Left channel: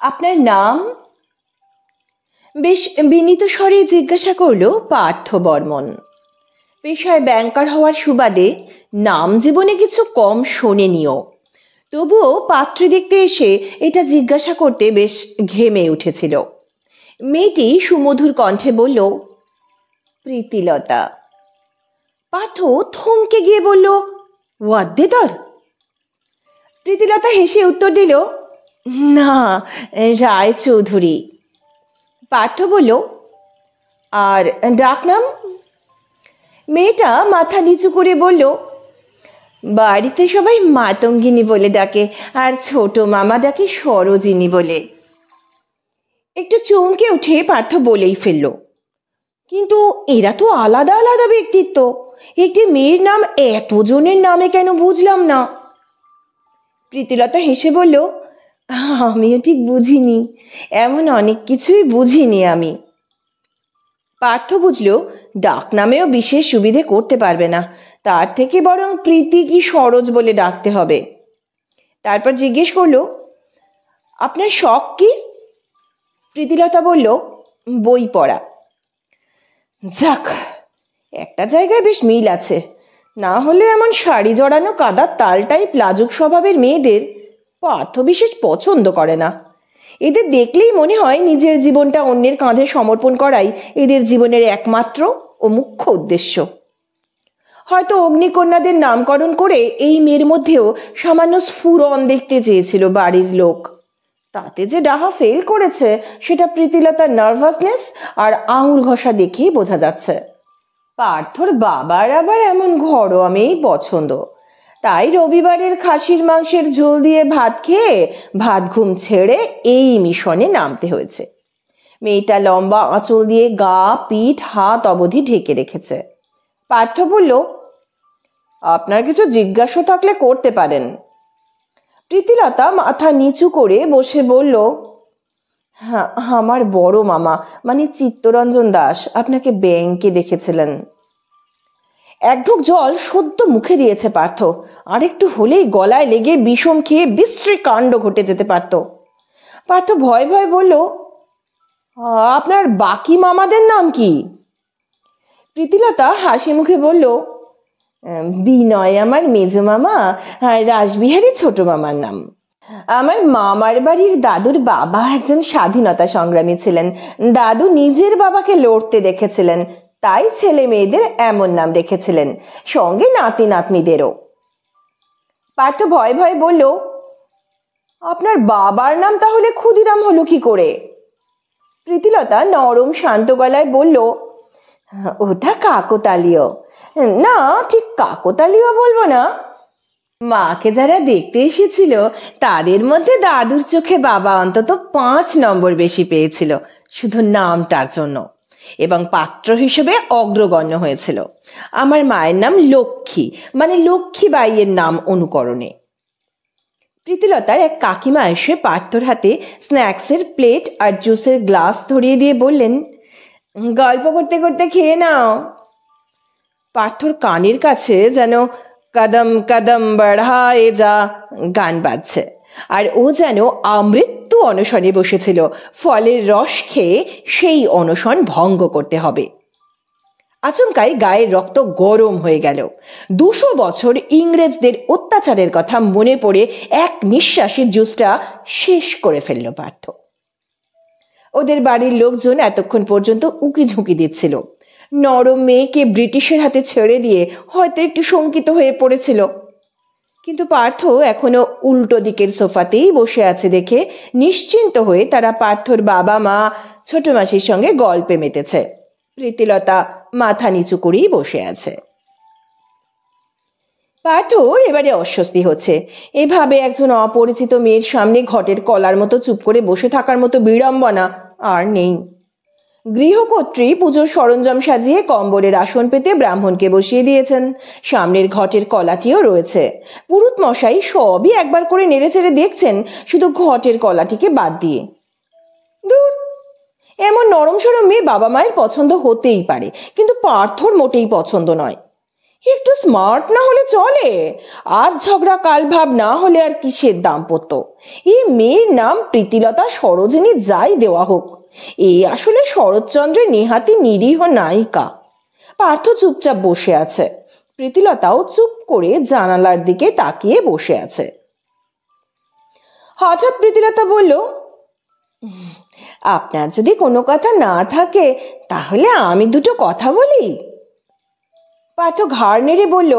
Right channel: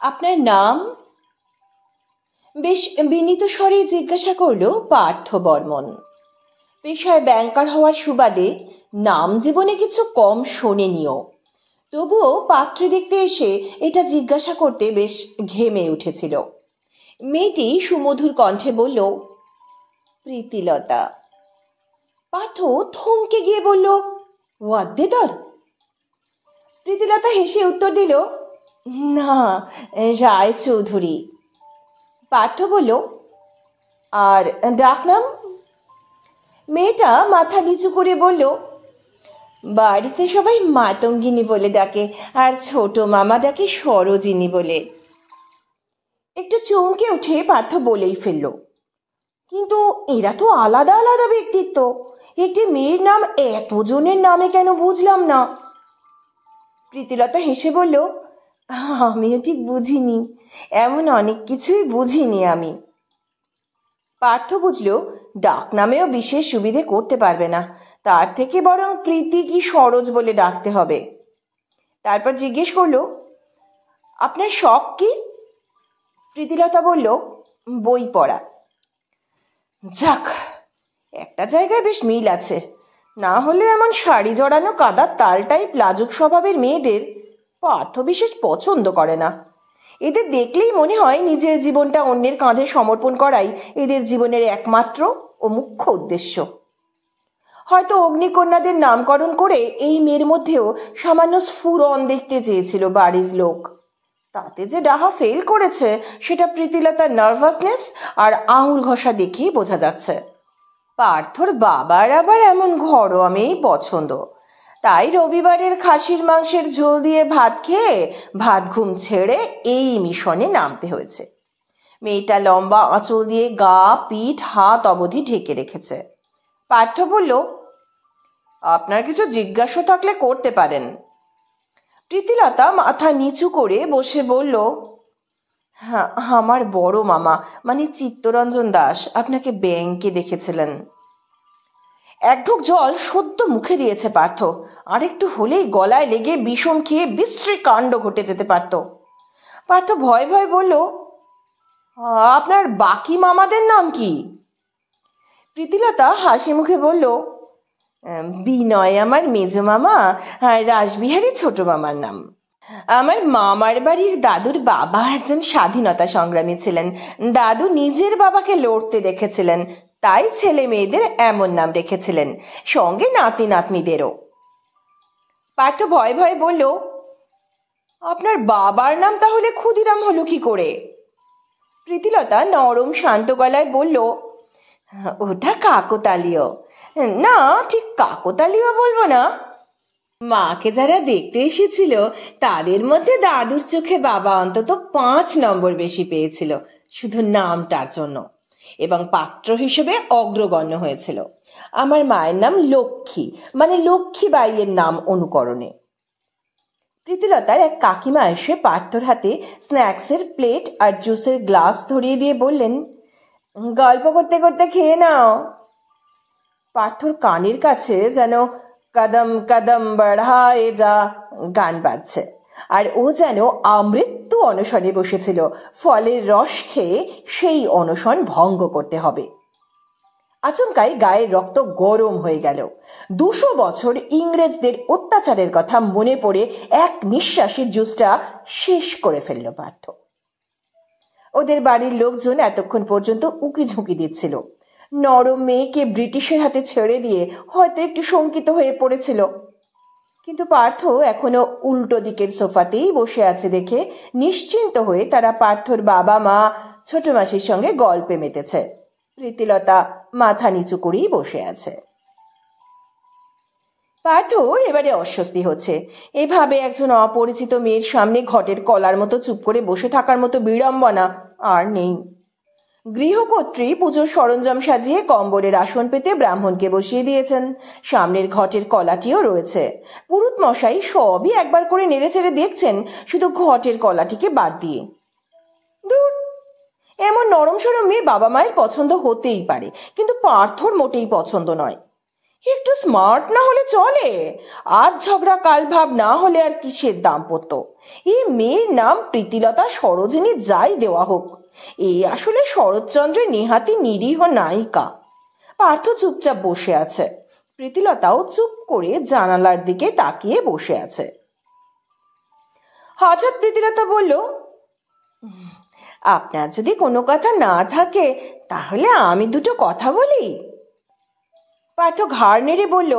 আপনার নাম? বেশ বিনীত স্বরে জিজ্ঞাসা করল পার্থ বর্মন। পেশায় ব্যাংকার হওয়ার সুবাদে নাম জীবনে কিছু কম শোনেনিও, তবুও পাত্রী দেখতে এসে এটা জিজ্ঞাসা করতে বেশ ঘেমে উঠেছিল। মেয়েটি সুমধুর কণ্ঠে বলল, প্রীতিলতা। পার্থ থমকে গিয়ে বলল, ওয়াদ্দেদার? প্রীতিলতা হেসে উত্তর দিল, না, রায় চৌধুরী। পার্থ বলল, আর ডাকনাম? মেয়েটা মাথা নিচু করে বলল, বাড়িতে সবাই মাতঙ্গিনী বলে ডাকে, আর ছোট মামা ডাকে সরোজিনী বলে। একটু চমকে উঠে পার্থ বলেই ফেলল, কিন্তু এরা তো আলাদা আলাদা ব্যক্তিত্ব, একটি মেয়ের নাম এতজনের নামে কেন বুঝলাম না। প্রীতিলতা হেসে বলল, আমিও ঠিক বুঝিনি, এমন অনেক কিছুই বুঝিনি আমি। পার্থ বুঝল ডাক নামেও বিশেষ সুবিধে করতে পারবে না, তার থেকে বরং প্রীতি কি সরোজ বলে ডাকতে হবে। তারপর জিজ্ঞেস করলো, আপনার শখ কি? প্রীতিলতা বলল, বই পড়া। যাক, একটা জায়গায় বেশ মিল আছে, না হলে এমন শাড়ি জড়ানো কাদার তালটাই লাজুক স্বভাবের মেয়েদের পার্থ বিশেষ পছন্দ করে না। এদের দেখলেই মনে হয় নিজের জীবনটা অন্যের কাঁধে সমর্পণ করাই এদের জীবনের একমাত্র ও মুখ্য উদ্দেশ্য। হয়তো অগ্নিকন্যাদের নামকরণ করে এই মেয়ের মধ্যেও সামান্য স্ফুরণ দেখতে চেয়েছিল বাড়ির লোক। তাতে যে ডাহা ফেল করেছে সেটা প্রীতিলতার নার্ভাসনেস আর আঙুল ঘষা দেখেই বোঝা যাচ্ছে। পার্থর বাবার আবার এমন ঘরোয়া মেয়েই পছন্দ, তাই রবিবারের খাসির মাংসের ঝোল দিয়ে ভাত খেয়ে ভাত ঘুম ছেড়ে এই মিশনে নামতে হয়েছে। মেয়েটা লম্বা আঁচল দিয়ে গা, পিঠ, হাত অবধি ঢেকে রেখেছে। পার্থ বলল, আপনার কিছু জিজ্ঞাসা থাকলে করতে পারেন। প্রীতিলতা মাথা নিচু করে বসে বলল, হ্যাঁ, আমার বড় মামা মানে চিত্তরঞ্জন দাস আপনাকে ব্যাংকে দেখেছিলেন। এক ঢোক জল সদ্য মুখে দিয়েছে পার্থ, আর একটু হলেই গলায় লেগে বিষম খেয়ে বিশ্রী কাণ্ড ঘটে যেতে পারত। পার্থ ভয় ভয় বলল, আপনার বাকি মামাদের নাম কি? প্রীতিলতা হাসি মুখে বলল, বিনয় আমার মেজ মামা, রাসবিহারী ছোট মামার নাম। আমার মামার বাড়ির দাদুর বাবা একজন স্বাধীনতা সংগ্রামী ছিলেন, দাদু নিজের বাবাকে লড়তে দেখেছিলেন, তাই ছেলে মেয়েদের এমন নাম রেখেছিলেন, সঙ্গে নাতি নাতনিদেরও। পার্থ ভয় ভয় বলল, আপনার বাবার নাম তাহলে ক্ষুদিরাম হলো কি করে? প্রীতিলতা নরম শান্ত গলায় বলল, ওটা কাকতালীয়। না, ঠিক কাকতালীয় বলবো না, মাকে যারা দেখতে এসেছিল তাদের মধ্যে দাদুর চোখে বাবা অন্তত 5 নম্বর বেশি পেয়েছিল শুধু নামটার জন্য, এবং পাত্র হিসেবে অগ্রগণ্য হয়েছিল। আমার মায়ের নাম লক্ষ্মী, মানে লক্ষ্মীবাইয়ের নাম অনুকরণে। প্রীতিলতার এক কাকিমা এসে পার্থর হাতে স্ন্যাক্সের প্লেট আর জুসের গ্লাস ধরিয়ে দিয়ে বললেন, গল্প করতে করতে খেয়ে নাও। পার্থর কানের কাছে যেন কদম কদম বড়ায়ে যা গান বাজছে, আর ও যেন আমৃত্যু অনশনে বসেছিল, ফলের রস খেয়ে সেই অনশন ভঙ্গ করতে হবে। আচমকাই গায়ের রক্ত গরম হয়ে গেল। 200 বছর ইংরেজদের অত্যাচারের কথা মনে পড়ে এক নিঃশ্বাসে জুসটা শেষ করে ফেলল পার্থ। ওদের বাড়ির লোকজন এতক্ষণ পর্যন্ত উকি ঝুঁকি দিচ্ছিল। নরম মেয়েকে ব্রিটিশের হাতে ছেড়ে দিয়ে হয়তো একটু শঙ্কিত হয়ে পড়েছিল, কিন্তু পার্থ এখনো উল্টো দিকের সোফাতেই বসে আছে দেখে নিশ্চিন্ত হয়ে তারা পার্থর বাবা মা ছোট মাসির সঙ্গে গল্পে মেতেছে। প্রীতিলতা মাথা নিচু করেই বসে আছে। পার্থর এবারে অস্বস্তি হচ্ছে। এভাবে একজন অপরিচিত মেয়ের সামনে ঘটের কলার মতো চুপ করে বসে থাকার মতো বিড়ম্বনা আর নেই। গৃহকর্ত্রী পুজোর সরঞ্জাম সাজিয়ে কম্বলের আসন পেতে ব্রাহ্মণকে বসিয়ে দিয়েছেন, সামনের ঘটের কলাটিও রয়েছে। পুরুত মশাই সবই একবার করে নেড়েচেড়ে দেখছেন, শুধু ঘটের কলাটিকে বাদ দিয়ে। দূর, এমন নরম সরম মেয়ে বাবা মায়ের পছন্দ হতেই পারে, কিন্তু পার্থর মোটেই পছন্দ নয়। একটু স্মার্ট না হলে চলে? আজ ঝগড়া কাল ভাব না হলে আর কিসের দাম্পত্য? এই মেয়ের নাম প্রীতিলতা সরোজিনী যাই দেওয়া হোক, এ আসলে শরৎচন্দ্রের নেহাতি নিরীহ নায়িকা। পার্থ চুপচাপ বসে আছে, প্রীতিলতাও চুপ করে জানালার দিকে তাকিয়ে বসে আছে। হঠাৎ প্রীতিলতা বলল, আপনার যদি কোনো কথা না থাকে তাহলে আমি দুটো কথা বলি। পার্থ ঘাড় নেড়ে বলল,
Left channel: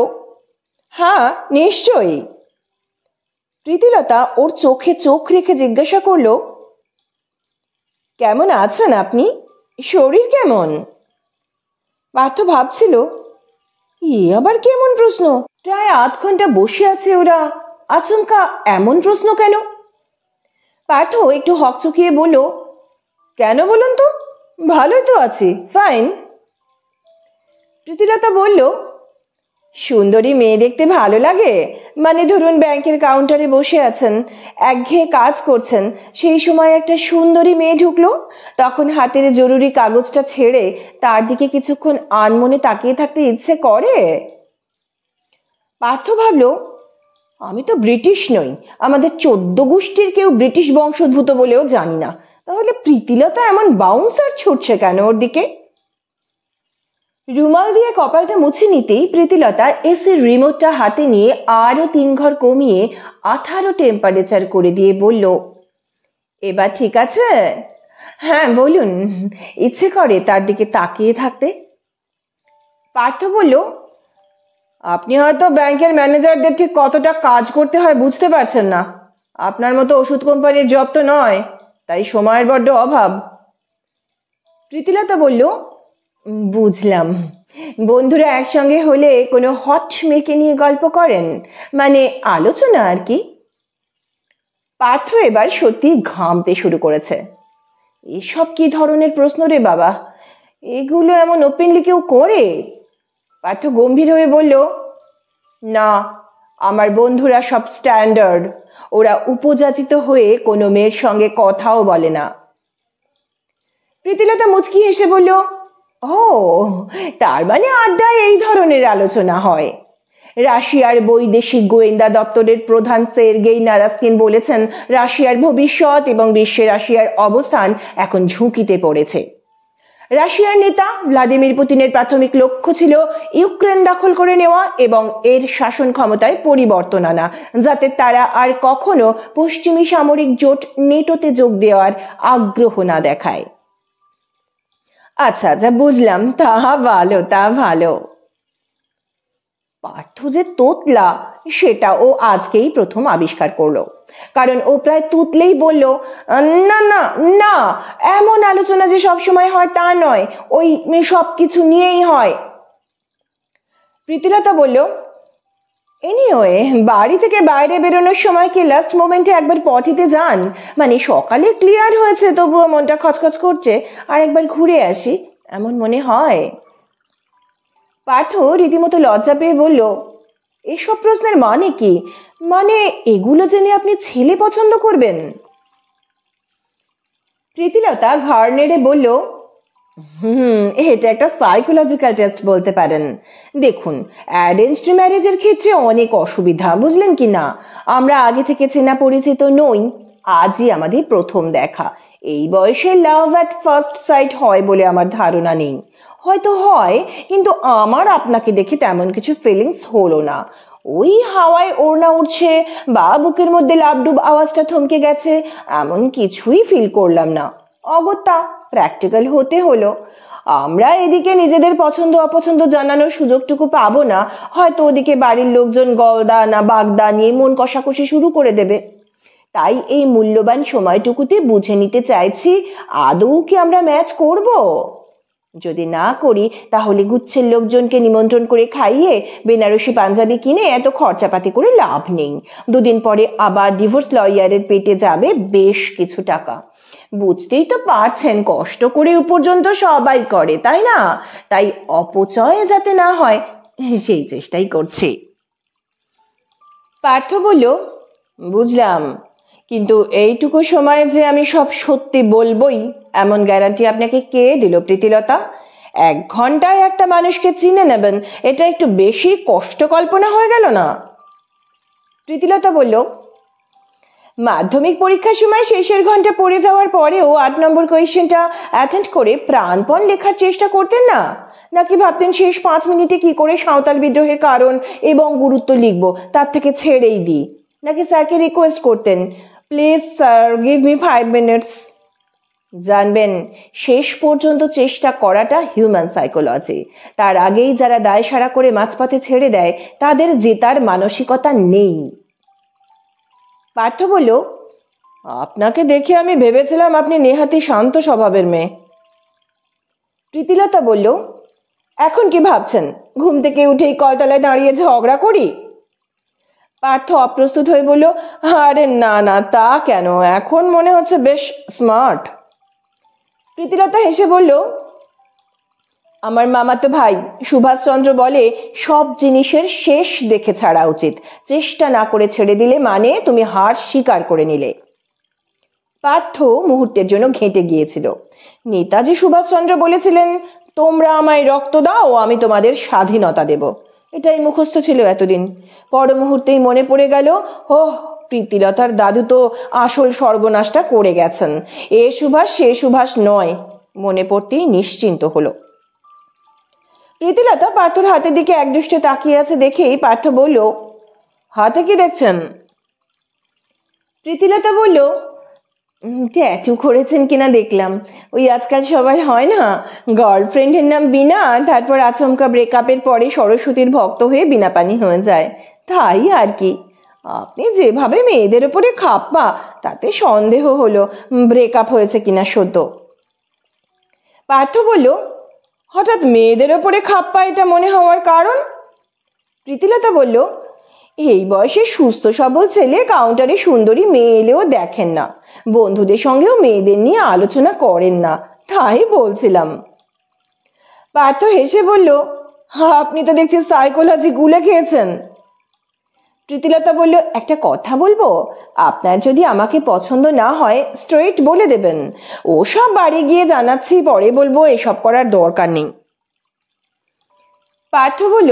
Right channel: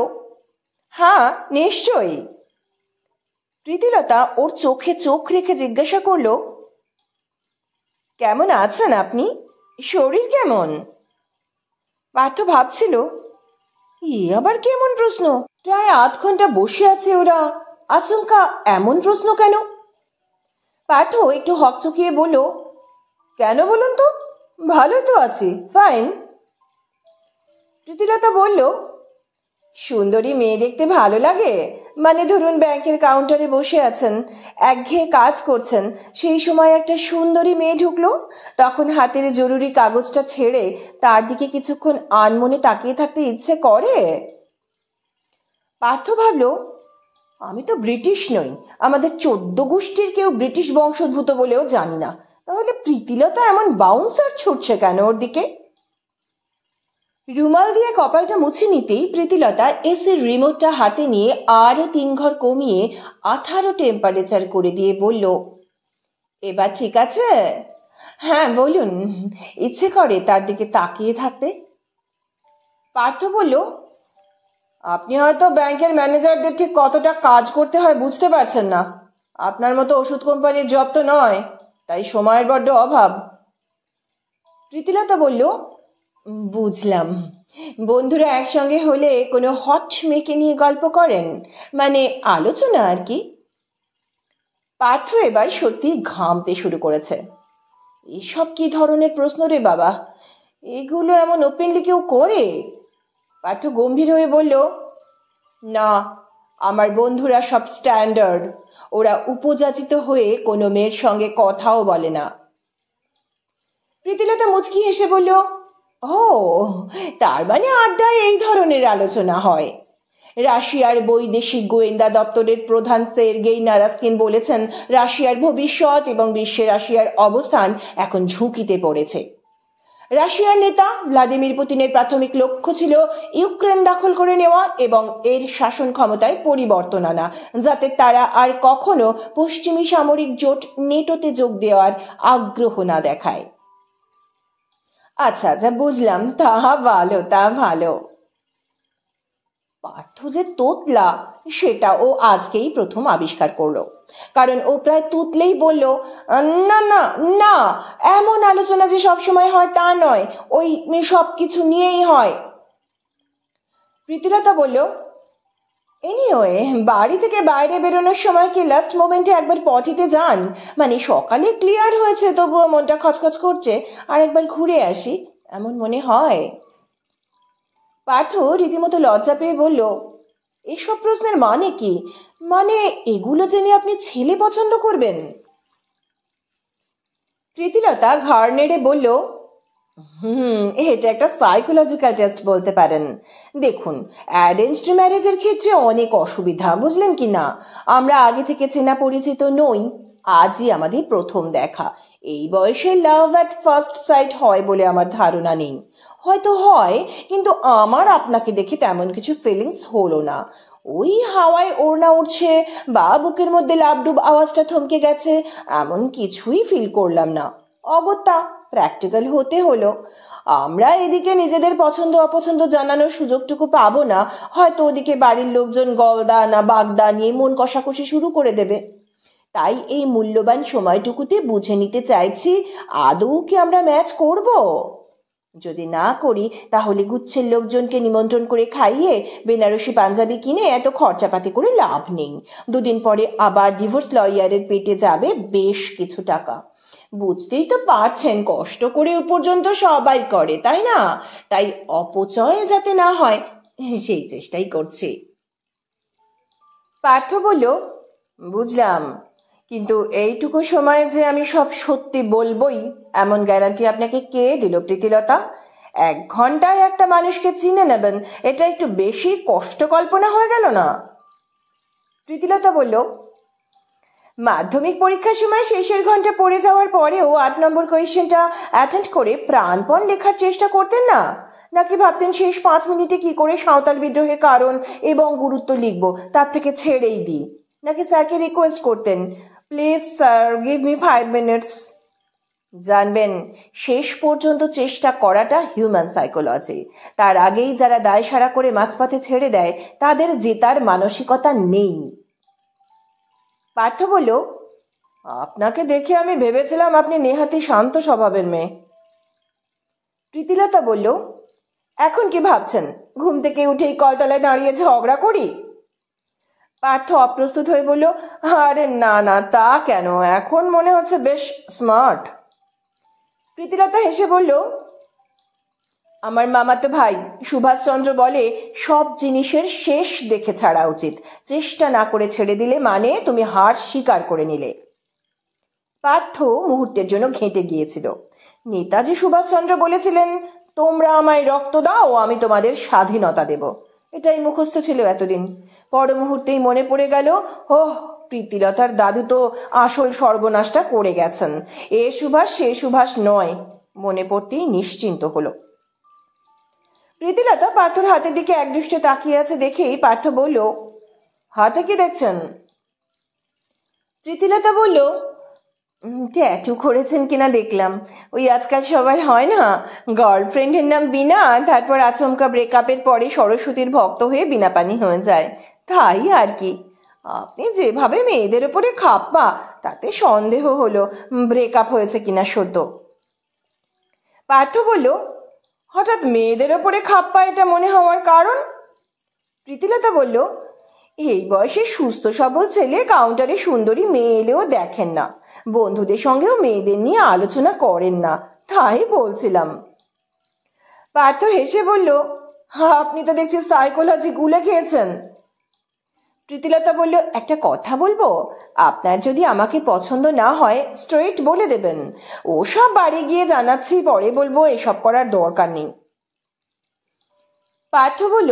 হ্যাঁ নিশ্চয়ই। প্রীতিলতা ওর চোখে চোখ রেখে জিজ্ঞাসা করল, কেমন আছেন আপনি? শরীর কেমন? পার্থ ভাবছিল, এ আবার কেমন প্রশ্ন? প্রায় আধ ঘন্টা বসে আছে ওরা, আচমকা এমন প্রশ্ন কেন? পার্থ একটু হকচকিয়ে বলল, কেন বলুন তো? ভালোই তো আছি, ফাইন। প্রীতিলতা বলল, সুন্দরী মেয়ে দেখতে ভালো লাগে? মানে ধরুন ব্যাংকের কাউন্টারে বসে আছেন, একঘেয়ে কাজ করছেন, সেই সময় একটা সুন্দরী মেয়ে ঢুকলো, তখন হাতের জরুরি কাগজটা ছেড়ে তার দিকে কিছুক্ষণ আনমনে তাকিয়ে থাকতে ইচ্ছে করে? পার্থ ভাবল, আমি তো ব্রিটিশ নই, আমাদের 14 গোষ্ঠীর কেউ ব্রিটিশ বংশোদ্ভূত বলেও জানি না, তাহলে প্রীতিলতা এমন বাউন্সার ছুটছে কেন ওর দিকে? রুমাল দিয়ে কপালটা মুছে নিতেই প্রীতিলতা এসির রিমোটটা হাতে নিয়ে আরো 3 ঘর কমিয়ে 18 টেম্পারেচার করে দিয়ে বলল, এবার ঠিক আছে? হ্যাঁ বলুন। ইচ্ছে করে তার দিকে তাকিয়ে থাকতে। পার্থ বলল, আপনি হয়তো ব্যাংকের ম্যানেজারদের ঠিক কতটা কাজ করতে হয় বুঝতে পারছেন না। আপনার মতো ওষুধ কোম্পানির জব তো নয়, তাই সময়ের বড্ড অভাব। প্রীতিলতা বলল, বুঝলাম। বন্ধুরা একসঙ্গে হলে কোনো হট মেয়েকে নিয়ে গল্প করেন, মানে আলোচনা আর কি। পার্থ এবার সত্যি ঘামতে শুরু করেছে। এসব কি ধরনের প্রশ্ন রে বাবা? এগুলো এমন ওপেনলি কেউ করে? পার্থ গম্ভীর হয়ে বলল, না, আমার বন্ধুরা সব স্ট্যান্ডার্ড, ওরা উপযাচিত হয়ে কোনো মেয়ের সঙ্গে কথাও বলে না। প্রীতিলতা মুচকি হেসে বলল, ও, তার মানে আড্ডায় এই ধরনের আলোচনা হয়। রাশিয়ার বৈদেশিক গোয়েন্দা দপ্তরের প্রধান সের্গেই নারাস্কিন বলেছেন, রাশিয়ার ভবিষ্যৎ এবং বিশ্বে রাশিয়ার অবস্থান এখন ঝুঁকিতে পড়েছে। রাশিয়ার নেতা ভ্লাদিমির পুতিনের প্রাথমিক লক্ষ্য ছিল ইউক্রেন দখল করে নেওয়া এবং এর শাসন ক্ষমতায় পরিবর্তন আনা, যাতে তারা আর কখনো পশ্চিমী সামরিক জোট নেটোতে যোগ দেওয়ার আগ্রহ না দেখায়। আচ্ছা যা বুঝলাম, তা ভালো, তা ভালো। পার্থ যে তোতলা সেটা ও আজকেই প্রথম আবিষ্কার করলো, কারণ ও প্রায় তুতলেই বলল, না না না, এমন আলোচনা যে সব সময় হয় তা নয়, ওই সব কিছু নিয়েই হয়। প্রীতিলতা বলল, এনিওয়ে, বাড়ি থেকে বাইরে বেরোনোর সময় কি লাস্ট মোমেন্টে একবার পটিতে যান? মানে সকালে ক্লিয়ার হয়েছে তবুও মনটা খচখচ করছে, আর একবার ঘুরে আসি এমন মনে হয়? পার্থ রীতিমতো লজ্জা পেয়ে বলল, এসব প্রশ্নের মানে কি? মানে এগুলো জেনে আপনি ছেলে পছন্দ করবেন? প্রীতিলতা ঘাড় নেড়ে বলল, এটা একটা সাইকোলজিক্যাল টেস্ট বলতে পারেন। দেখুন, অ্যারেঞ্জড ম্যারেজের ক্ষেত্রে অনেক অসুবিধা, বুঝলেন কি না? আমরা আগে থেকে চেনা পরিচিত নই, আজই আমাদের প্রথম দেখা। এই বয়সে লাভ অ্যাট ফার্স্ট সাইট হয় বলে আমার ধারণা নেই। হয়তো হয়, কিন্তু আমার আপনাকে দেখে তেমন কিছু ফিলিংস হলো না। ওই হাওয়ায় ওড়না উঠছে বা বুকের মধ্যে লাবডুব আওয়াজটা থমকে গেছে, এমন কিছুই ফিল করলাম না। অগত্যা প্র্যাকটিক্যাল হতে হলো। আমরা এদিকে নিজেদের পছন্দ অপছন্দ জানানোর সুযোগটুকু পাবো না, হয়তো ওদিকে বাড়ির লোকজন গলদা না বাগদা নিয়ে মন কষাকষি শুরু করে দেবে। তাই এই মূল্যবান সময়টুকুতে বুঝে নিতে চাইছি, আদৌ কি আমরা ম্যাচ করব? যদি না করি তাহলে গুচ্ছের লোকজনকে নিমন্ত্রণ করে খাইয়ে বেনারসি পাঞ্জাবি কিনে এত খরচাপাতি করে লাভ নেই। 2 দিন পরে আবার ডিভোর্স লয়ারের পেটে যাবে বেশ কিছু টাকা। বুঝতেই তো পারছেন, কষ্ট করে পর্যন্ত সবাই করে, তাই না? তাই অপচয় যাতে না হয় সেই চেষ্টাই করছি। পার্থ বলল, বুঝলাম, কিন্তু এইটুকু সময় যে আমি সব সত্যি বলবই এমন গ্যারান্টি আপনাকে কে দিল প্রীতিলতা? 1 ঘন্টায় একটা মানুষকে চিনে নেবেন, এটা একটু বেশি কষ্ট কল্পনা হয়ে গেল না? প্রীতিলতা বলল, মাধ্যমিক পরীক্ষার সময় শেষের ঘন্টা পড়ে যাওয়ার পরেও 8 নম্বর কোয়েশ্চেনটা অ্যাটেন্ড করে প্রাণপণ লেখার চেষ্টা করতেন না? নাকি ভাবতেন শেষ 5 মিনিটে কি করে সাঁওতাল বিদ্রোহের কারণ এবং গুরুত্ব লিখব, তার থেকে ছেড়েই দিই? নাকি স্যারকে রিকোয়েস্ট করতেন, please sir give me 5 minutes? জানবেন, শেষ পর্যন্ত চেষ্টা করাটা হিউম্যান সাইকোলজি। তার আগেই যারা দায় সারা করে মাঝপথে ছেড়ে দেয় তাদের জেতার মানসিকতা নেই। পার্থ বলল, আপনাকে দেখে আমি ভেবেছিলাম আপনি নেহাতি শান্ত স্বভাবের মেয়ে। প্রীতিলতা বলল, এখন কি ভাবছেন, ঘুম থেকে উঠেই কলতলায় দাঁড়িয়ে ঝগড়া করি? পার্থ অপ্রস্তুত হয়ে বলল, আরে না না, তা কেন, এখন মনে হচ্ছে বেশ স্মার্ট। প্রীতিলতা হেসে বলল, আমার মামাতো ভাই সুভাষচন্দ্র বলে, সব জিনিসের শেষ দেখে ছাড়া উচিত, চেষ্টা না করে ছেড়ে দিলে মানে তুমি হার স্বীকার করে নিলে। পার্থ মুহূর্তের জন্য ঘেঁটে গিয়েছিল। নেতাজি সুভাষচন্দ্র বলেছিলেন, তোমরা আমায় রক্ত দাও, আমি তোমাদের স্বাধীনতা দেব। এটাই মুখস্থ ছিল এতদিন। পর মুহূর্তেই মনে পড়ে গেল, ওহ, প্রীতিলতার দাদু তো আসল সর্বনাশটা করে গেছেন। এ সুভাষ সে সুভাষ নয়। মনে পড়তেই নিশ্চিন্ত হলো। প্রীতিলতা পার্থর হাতের দিকে একদৃষ্টে তাকিয়ে আছে দেখেই পার্থ বলল, হাতে কি দেখছেন? প্রীতিলতা বলল, ট্যাটু করেছেন কিনা দেখলাম। ওই আজকাল সবার হয় না, গার্লফ্রেন্ডের নাম বিনা, তারপর আচমকা ব্রেকআপের পরে সরস্বতীর ভক্ত হয়ে বিনা পানি হয়ে যায়, তাই আর কি। আপনি যেভাবে মেয়েদের উপরে খাপ্পা, তাতে সন্দেহ হলো ব্রেকআপ হয়েছে কিনা সদ্য। পার্থ বলল, হঠাৎ মেয়েদের ওপরে খাপ্পা এটা মনে হওয়ার কারণ? প্রীতিলতা বলল, এই বয়সে সুস্থ সবল ছেলে কাউন্টারে সুন্দরী মেয়ে এলেও দেখেন না, বন্ধুদের সঙ্গেও মেয়েদের নিয়ে আলোচনা করেন না, তাই বলছিলাম। পার্থ হেসে বলল, আপনি তো দেখছি সাইকোলজি গুলে খেয়েছেন। প্রীতিলতা বলল, একটা কথা বলবো, আপনার যদি আমাকে পছন্দ না হয় স্ট্রেট বলে দেবেন, ওসব বাড়ি গিয়ে জানাচ্ছি পরে বলবো, এসব করার দরকার নেই। পার্থ বলল,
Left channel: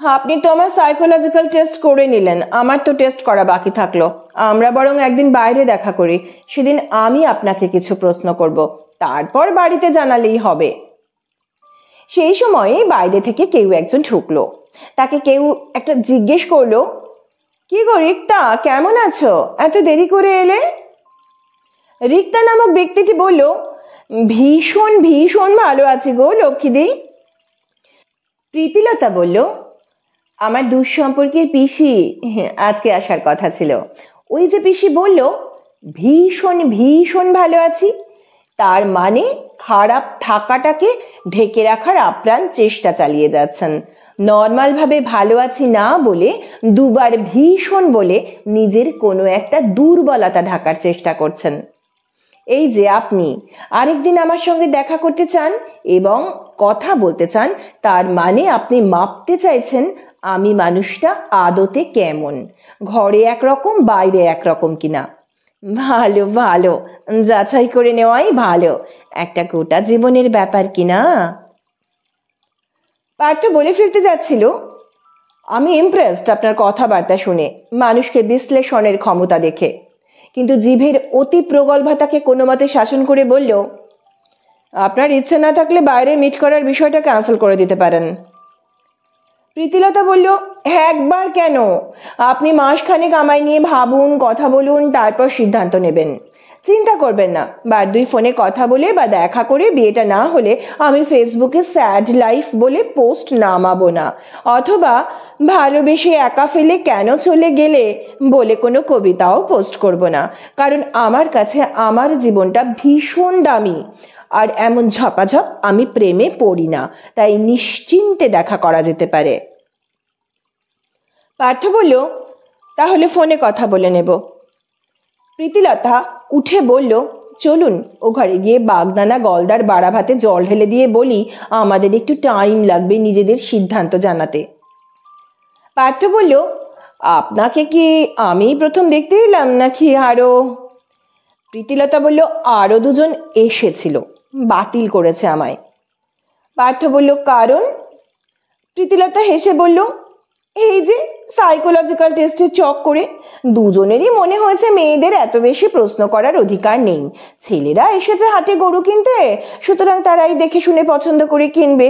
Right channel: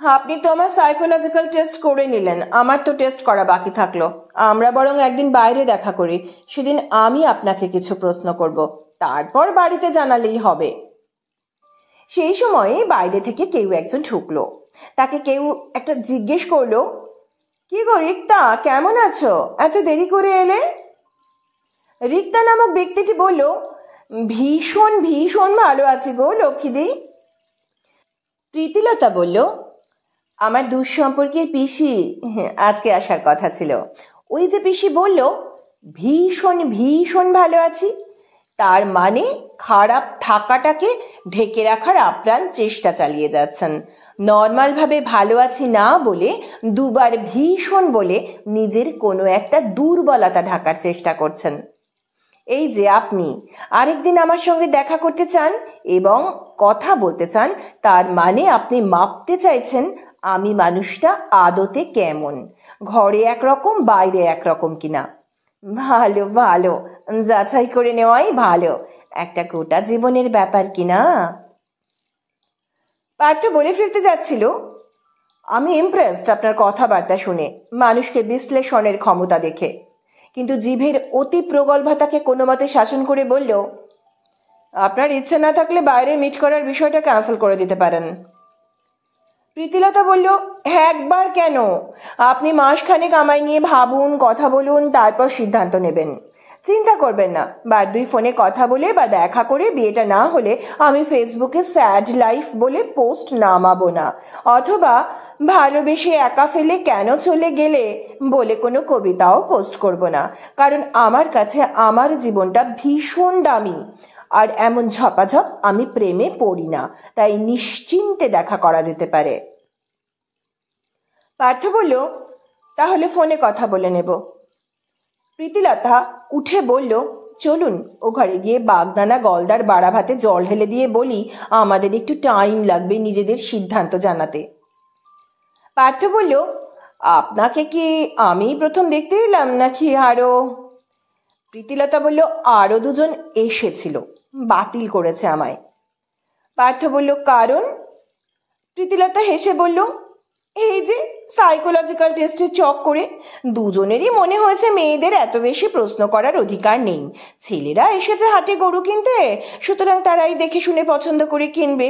আপনি তো আমার সাইকোলজিক্যাল টেস্ট করে নিলেন, আমার তো টেস্ট করা বাকি থাকলো। আমরা বরং একদিন বাইরে দেখা করি, সেদিন আমি আপনাকে কিছু প্রশ্ন করব, তারপর বাড়িতে জানালেই হবে। সেই সময়ে বাইরে থেকে কেউ একজন ঢুকলো। তাকে কেউ একটা জিজ্ঞেস করলো, কি গো রিক্তা, কেমন আছো, এত দেরি করে এলে? রিক্তা নামক ব্যক্তিটি বলল, ভীষণ ভীষণ ভালো আছি গো লক্ষ্মীদি। প্রীতিলতা বলল, আমার দুঃসম্পর্কের পিসি আজকে আসার কথা ছিল। ওই যে পিসি বলল ভীষণ ভীষণ ভালো আছি, তার মানে খারাপ থাকাটাকে ঢেকে রাখার আপ্রাণ চেষ্টা চালিয়ে যাচ্ছেন। নর্মাল ভাবে ভালো আছি না বলে দুবার ভীষণ বলে নিজের কোনো একটা দুর্বলতা ঢাকার চেষ্টা করছেন। এই যে আপনি আরেকদিন আমার সঙ্গে দেখা করতে চান এবং কথা বলতে চান, তার মানে আপনি মাপতে চাইছেন আমি মানুষটা আদতে কেমন, ঘরে একরকম বাইরে একরকম কিনা। ভালো ভালো, যাচাই করে নেওয়াই ভালো, একটা গোটা জীবনের ব্যাপার কিনা। পার্থ বলে ফেলতে যাচ্ছিল, আমি ইমপ্রেসড আপনার কথাবার্তা শুনে, মানুষকে বিশ্লেষণের ক্ষমতা দেখে, কিন্তু জিভের অতি প্রগল্ভতাকে কোনো মতে শাসন করে বলল, আপনার ইচ্ছে না থাকলে বাইরে মিট করার বিষয়টা ক্যান্সেল করে দিতে পারেন। প্রীতিলতা বলল, একবার কেন, আপনি মাসখানেক আমায় নিয়ে ভাবুন, কথা বলুন, তারপর সিদ্ধান্ত নেবেন। চিন্তা করবেন না, বার দুই ফোনে কথা বলে বা দেখা করে বিয়েটা না হলে আমি ফেসবুকে স্যাড লাইফ বলে পোস্ট নামাবো না, অথবা ভালোবেসে একা ফেলে কেন চলে গেলে বলে কোনো কবিতাও পোস্ট করব না, কারণ আমার কাছে আমার জীবনটা ভীষণ দামি, আর এমন ঝপাঝপ আমি প্রেমে পড়ি না, তাই নিশ্চিন্তে দেখা করা যেতে পারে। পার্থ বলল, তাহলে ফোনে কথা বলে নেব। প্রীতিলতা উঠে বলল, চলুন ও ঘরে গিয়ে বাগদানা গলদার বাড়া ভাতে জল ঢেলে দিয়ে বলি আমাদের একটু টাইম লাগবে নিজেদের সিদ্ধান্ত জানাতে। পার্থ বলল, আপনাকে কি আমি প্রথম দেখতে এলাম নাকি আরো? প্রীতিলতা বলল, আরো দুজন এসেছিল, বাতিল করেছে আমায়। পার্থ বলল, কারণ? প্রীতিলতা হেসে বলল, এই যে সাইকোলজিক্যাল টেস্টের চক করে দুজনেরই মনে হয়েছে মেয়েদের এত বেশি প্রশ্ন করার অধিকার নেই। ছেলেরা এসেছে হাটে গরু কিনতে, সুতরাং তারাই দেখে শুনে পছন্দ করে কিনবে।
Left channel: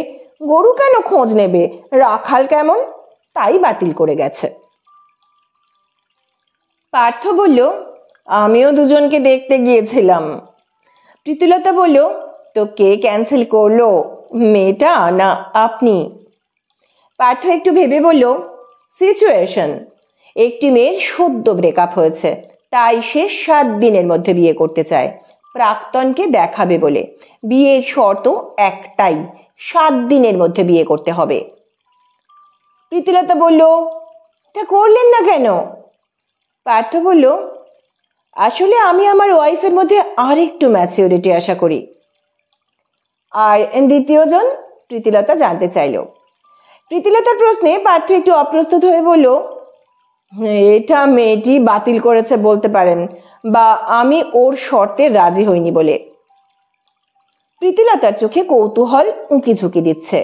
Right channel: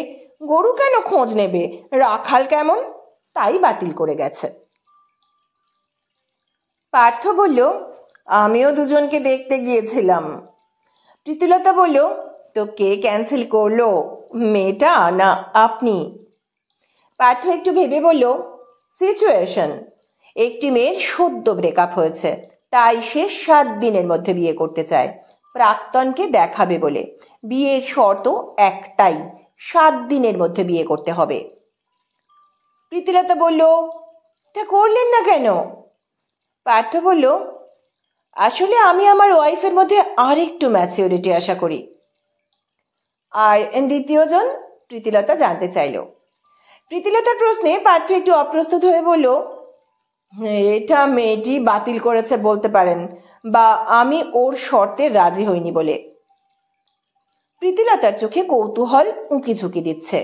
গরু কেন খোঁজ নেবে, রাখাল কেমন, তাই বাতিল করে গেছে। পার্থ বলল, আমিও দুজনকে দেখতে গিয়েছিলাম। প্রীতিলতা বলল, তো কে ক্যান্সেল করলো, মেয়েটা না আপনি? পার্থ একটু ভেবে বলল, সিচুয়েশন। একটি মেয়ের সদ্য ব্রেকআপ হয়েছে, তাই সে 7 দিনের মধ্যে বিয়ে করতে চায়, প্রাক্তনকে দেখাবে বলে। বিয়ের শর্ত একটাই, 7 দিনের মধ্যে বিয়ে করতে হবে। প্রীতিলতা বলল, তা করলেন না কেন? পার্থ বলল, আসলে আমি আমার ওয়াইফের মধ্যে আরেকটু ম্যাচিউরিটি আশা করি। আর দ্বিতীয়জন? প্রীতিলতা জানতে চাইল। প্রীতিলতার প্রশ্নে পার্থ একটু অপ্রস্তুত হয়ে বলল, এটা মেয়েটি বাতিল করেছে বলতে পারেন, বা আমি ওর শর্তে রাজি হইনি বলে। প্রীতিলতার চোখে কৌতূহল উঁকি ঝুঁকি দিচ্ছে।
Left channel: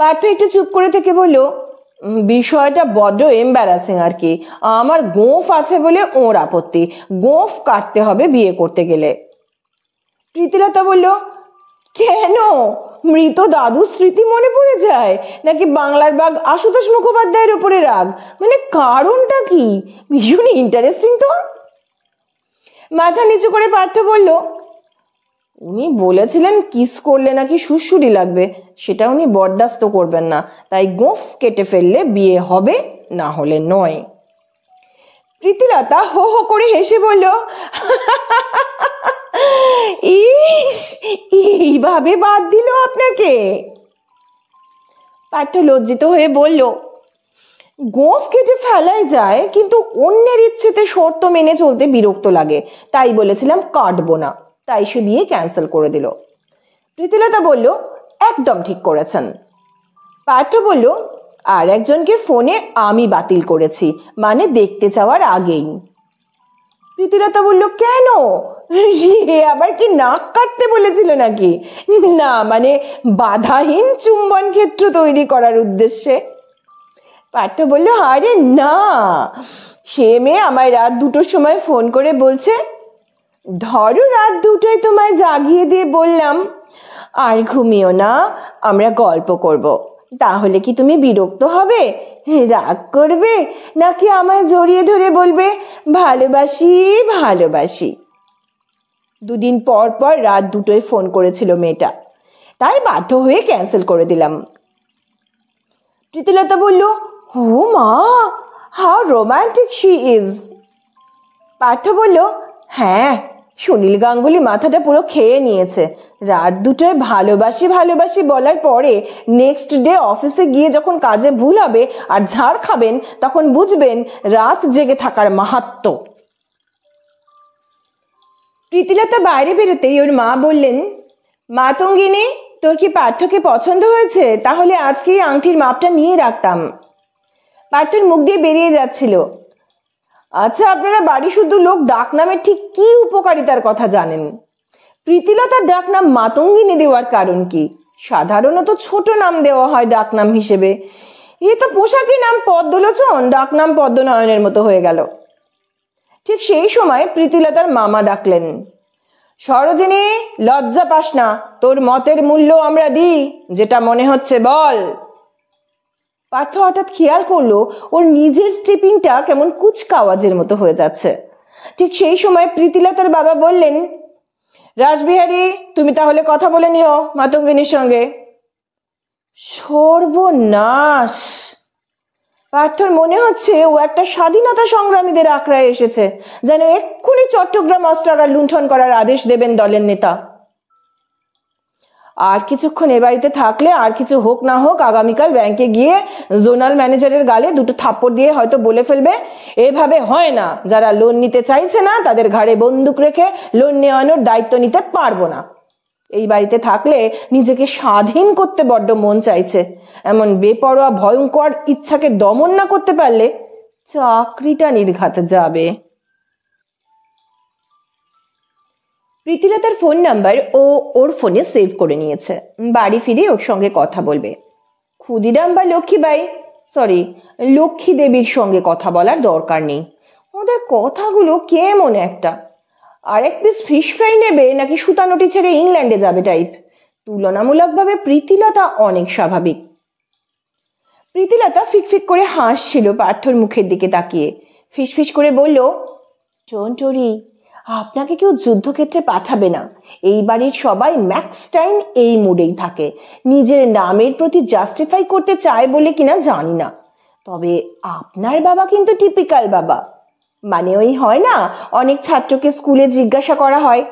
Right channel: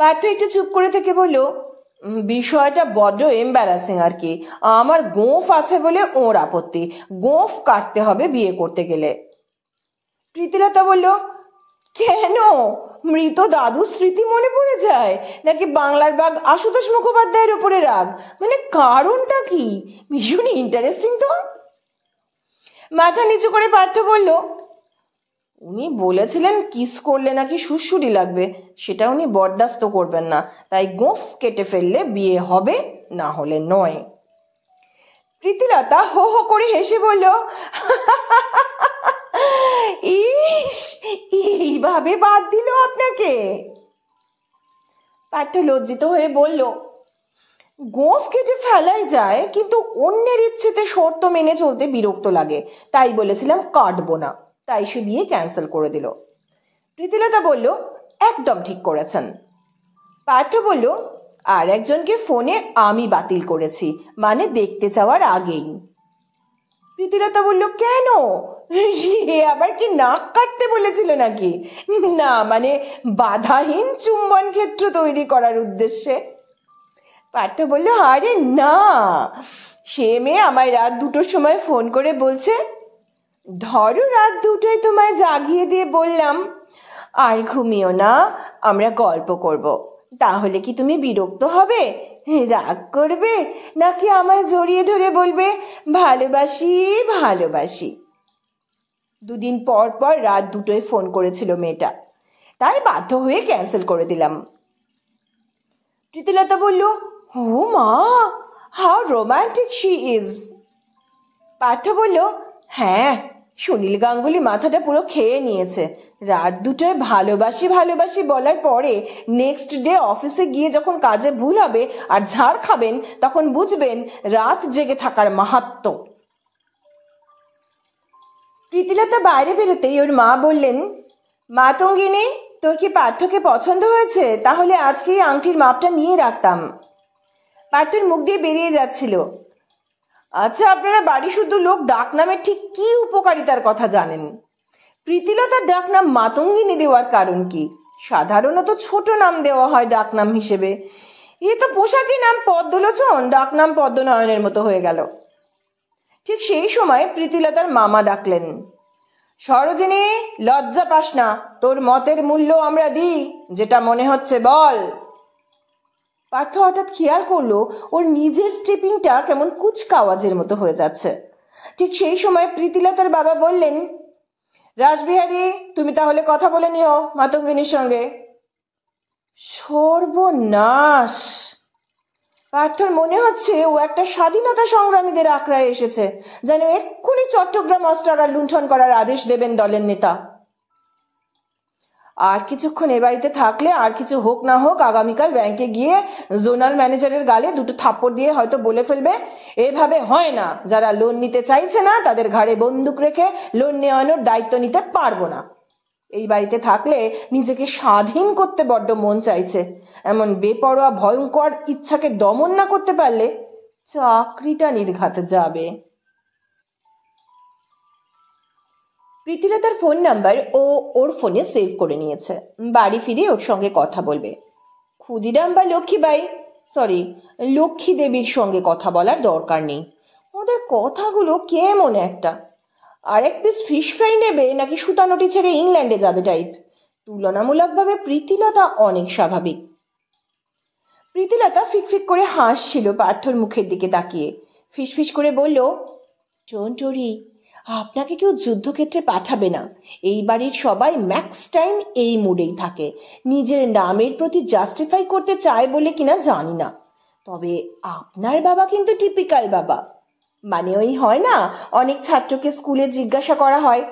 পার্থ একটু চুপ করে থেকে বলল, বিষয়টা বড্ড এম্বারাসিং আর কি। আমার গোঁফ আছে বলে ওর আপত্তি, গোঁফ কাটতে হবে বিয়ে করতে গেলে। প্রীতিলতা বলল, কেন, মৃত দাদু স্মৃতি মনে পড়ে যায়, নাকি বাংলার বাঘ আশুতোষ মুখোপাধ্যায়ের উপরে রাগ, মানে কারণটা কি? ভীষণ ইন্টারেস্টিং তো। মাথা নিচু করে পার্থ বলল, উনি বলেছিলেন কিস করলে নাকি সুড়সুড়ি লাগবে, সেটা উনি বরদাস্ত করবেন না, তাই গোঁফ কেটে ফেললে বিয়ে হবে, না হলে নয়। প্রীতিলতা হো হো করে হেসে বলল, ইস, এইভাবে বাদ দিল আপনাকে? পার্থ লজ্জিত হয়ে বলল, গোঁফ কেটে ফেলাই যায়, কিন্তু অন্যের ইচ্ছেতে শর্ত মেনে চলতে বিরক্ত লাগে, তাই বলেছিলাম কাটবো না, তাই সে বিয়ে ক্যান্সেল করে দিল। প্রীতিলতা বলল, একদম ঠিক করেছেন। পার্থ বলল, আর একজনকে ফোনে আমি বাতিল করেছি, মানে দেখতে চাওয়ার আগেই। প্রীতিলতা বলল, কেন, সে আবার কি নাক কাটতে বলেছিল নাকি? না, মানে বাধাহীন চুম্বন ক্ষেত্র তৈরি করার উদ্দেশ্যে। পার্থ বলল, আরে না, সে মেয়ে আমায় রাত 2টোর সময় ফোন করে বলছে, ধরো রাত 2টোয় তোমায় জাগিয়ে দিয়ে বললাম, আর ঘুমিও না, আমরা গল্প করব, তাহলে কি তুমি বিরক্ত হবে, রাগ করবে, নাকি আমায় জড়িয়ে ধরে বলবে ভালোবাসি ভালোবাসি? 2 দিন পর পর রাত 2টোয় ফোন করেছিল মেয়েটা, তাই বাধ্য হয়ে ক্যান্সেল করে দিলাম। প্রীতিলতা বলল, ও মা, how romantic she is. Partha বলল, হ্যাঁ, সুনীল গাঙ্গুলি মাথাটা পুরো খেয়ে নিয়েছে। রাত 2টোয় ভালোবাসি ভালোবাসি বলার পরে নেক্সট ডে অফিসে গিয়ে যখন কাজে ভুল হবে আর ঝাড় খাবেন, তখন বুঝবেন রাত জেগে থাকার মাহাত্ম্য। প্রীতিলতা বাইরে বেরোতেই ওর মা বললেন, মাতঙ্গিনী, তোর কি পার্থকে পছন্দ হয়েছে? তাহলে আজকেই আংটির মাপটা নিয়ে রাখতাম। পার্থর মুখ দিয়ে বেরিয়ে যাচ্ছিল, আচ্ছা, আপনারা বাড়ি শুদ্ধ লোক ডাকনামের ঠিক কি উপকারিতার কথা জানেন? প্রীতিলতার ডাকনাম মাতঙ্গিনী দেওয়ার কারণ কি? সাধারণত ছোট নাম দেওয়া হয় ডাকনাম হিসেবে, এ তো পোশাকি নাম পদ্মলোচন, ডাকনাম পদ্মনয়নের মতো হয়ে গেল। ঠিক সেই সময় প্রীতিলতার মামা ডাকলেন, সরোজিনী, লজ্জা পাস না, তোর মতের মূল্য আমরা দিই, যেটা মনে হচ্ছে বল। পার্থ হঠাৎ খেয়াল করলো ওর নিজের স্টেপিংটা কেমন কুচকা আওয়াজের মতো হয়ে যাচ্ছে। ঠিক সেই সময় প্রীতিলতার বাবা বললেন, রাসবিহারী, তুমি তাহলে কথা বলে নিও মাতঙ্গিনীর সঙ্গে। সর্বনাশ! পার্থর মনে হচ্ছে ও একটা স্বাধীনতা সংগ্রামীদের আখড়ায় এসেছে, যেন এক্ষুনি চট্টগ্রাম অস্ত্রাগার লুণ্ঠন করার আদেশ দেবেন দলের নেতা। আর কিছুক্ষণ এ বাড়িতে থাকলে, আর কিছু হোক না হোক, আগামীকাল ব্যাংকে গিয়ে জোনাল ম্যানেজারের গালে 2টো থাপ্পড় দিয়ে হয়তো বলে ফেলবে, এভাবে হয় না, যারা লোন নিতে চাইছে না তাদের ঘাড়ে বন্দুক রেখে লোন নেওয়ানোর দায়িত্ব নিতে পারবো না। এই বাড়িতে থাকলে নিজেকে স্বাধীন করতে বড্ড মন চাইছে, এমন বেপরোয়া ভয়ঙ্কর ইচ্ছাকে দমন না করতে পারলে চাকরিটা নির্ঘাত যাবে। প্রীতিলতার ফোন নাম্বার ও ওর ফোনে সেভ করে নিয়েছে। বাড়ি ফিরে ওর সঙ্গে কথা বলবে। ক্ষুদিরাম বা লক্ষ্মী দেবীর সঙ্গে কথা বলার দরকার নেই। ওদের কথাগুলো কেমন একটা। আর এক পিস ফিশ ফ্রাই নেবে নাকি সুতানুটি ছেড়ে ইংল্যান্ডে যাবে টাইপ। তুলনামূলকভাবে প্রীতিলতা অনেক স্বাভাবিক। প্রীতিলতা ফিকফিক করে হাসছিল পার্থর মুখের দিকে তাকিয়ে। ফিসফিস করে বলল, ডোন্ট ওয়ারি, আপনাকে কেউ যুদ্ধক্ষেত্রে পাঠাবে না। এই বাড়ির সবাই ম্যাক্স টাইম এই মুডেই থাকে। নিজের নামের প্রতি জাস্টিফাই করতে চায় বলে কিনা জানি না, তবে আপনার বাবা কিন্তু টিপিক্যাল বাবা। মানে ওই হয় না, অনেক ছাত্রকে স্কুলে জিজ্ঞাসা করা হয়,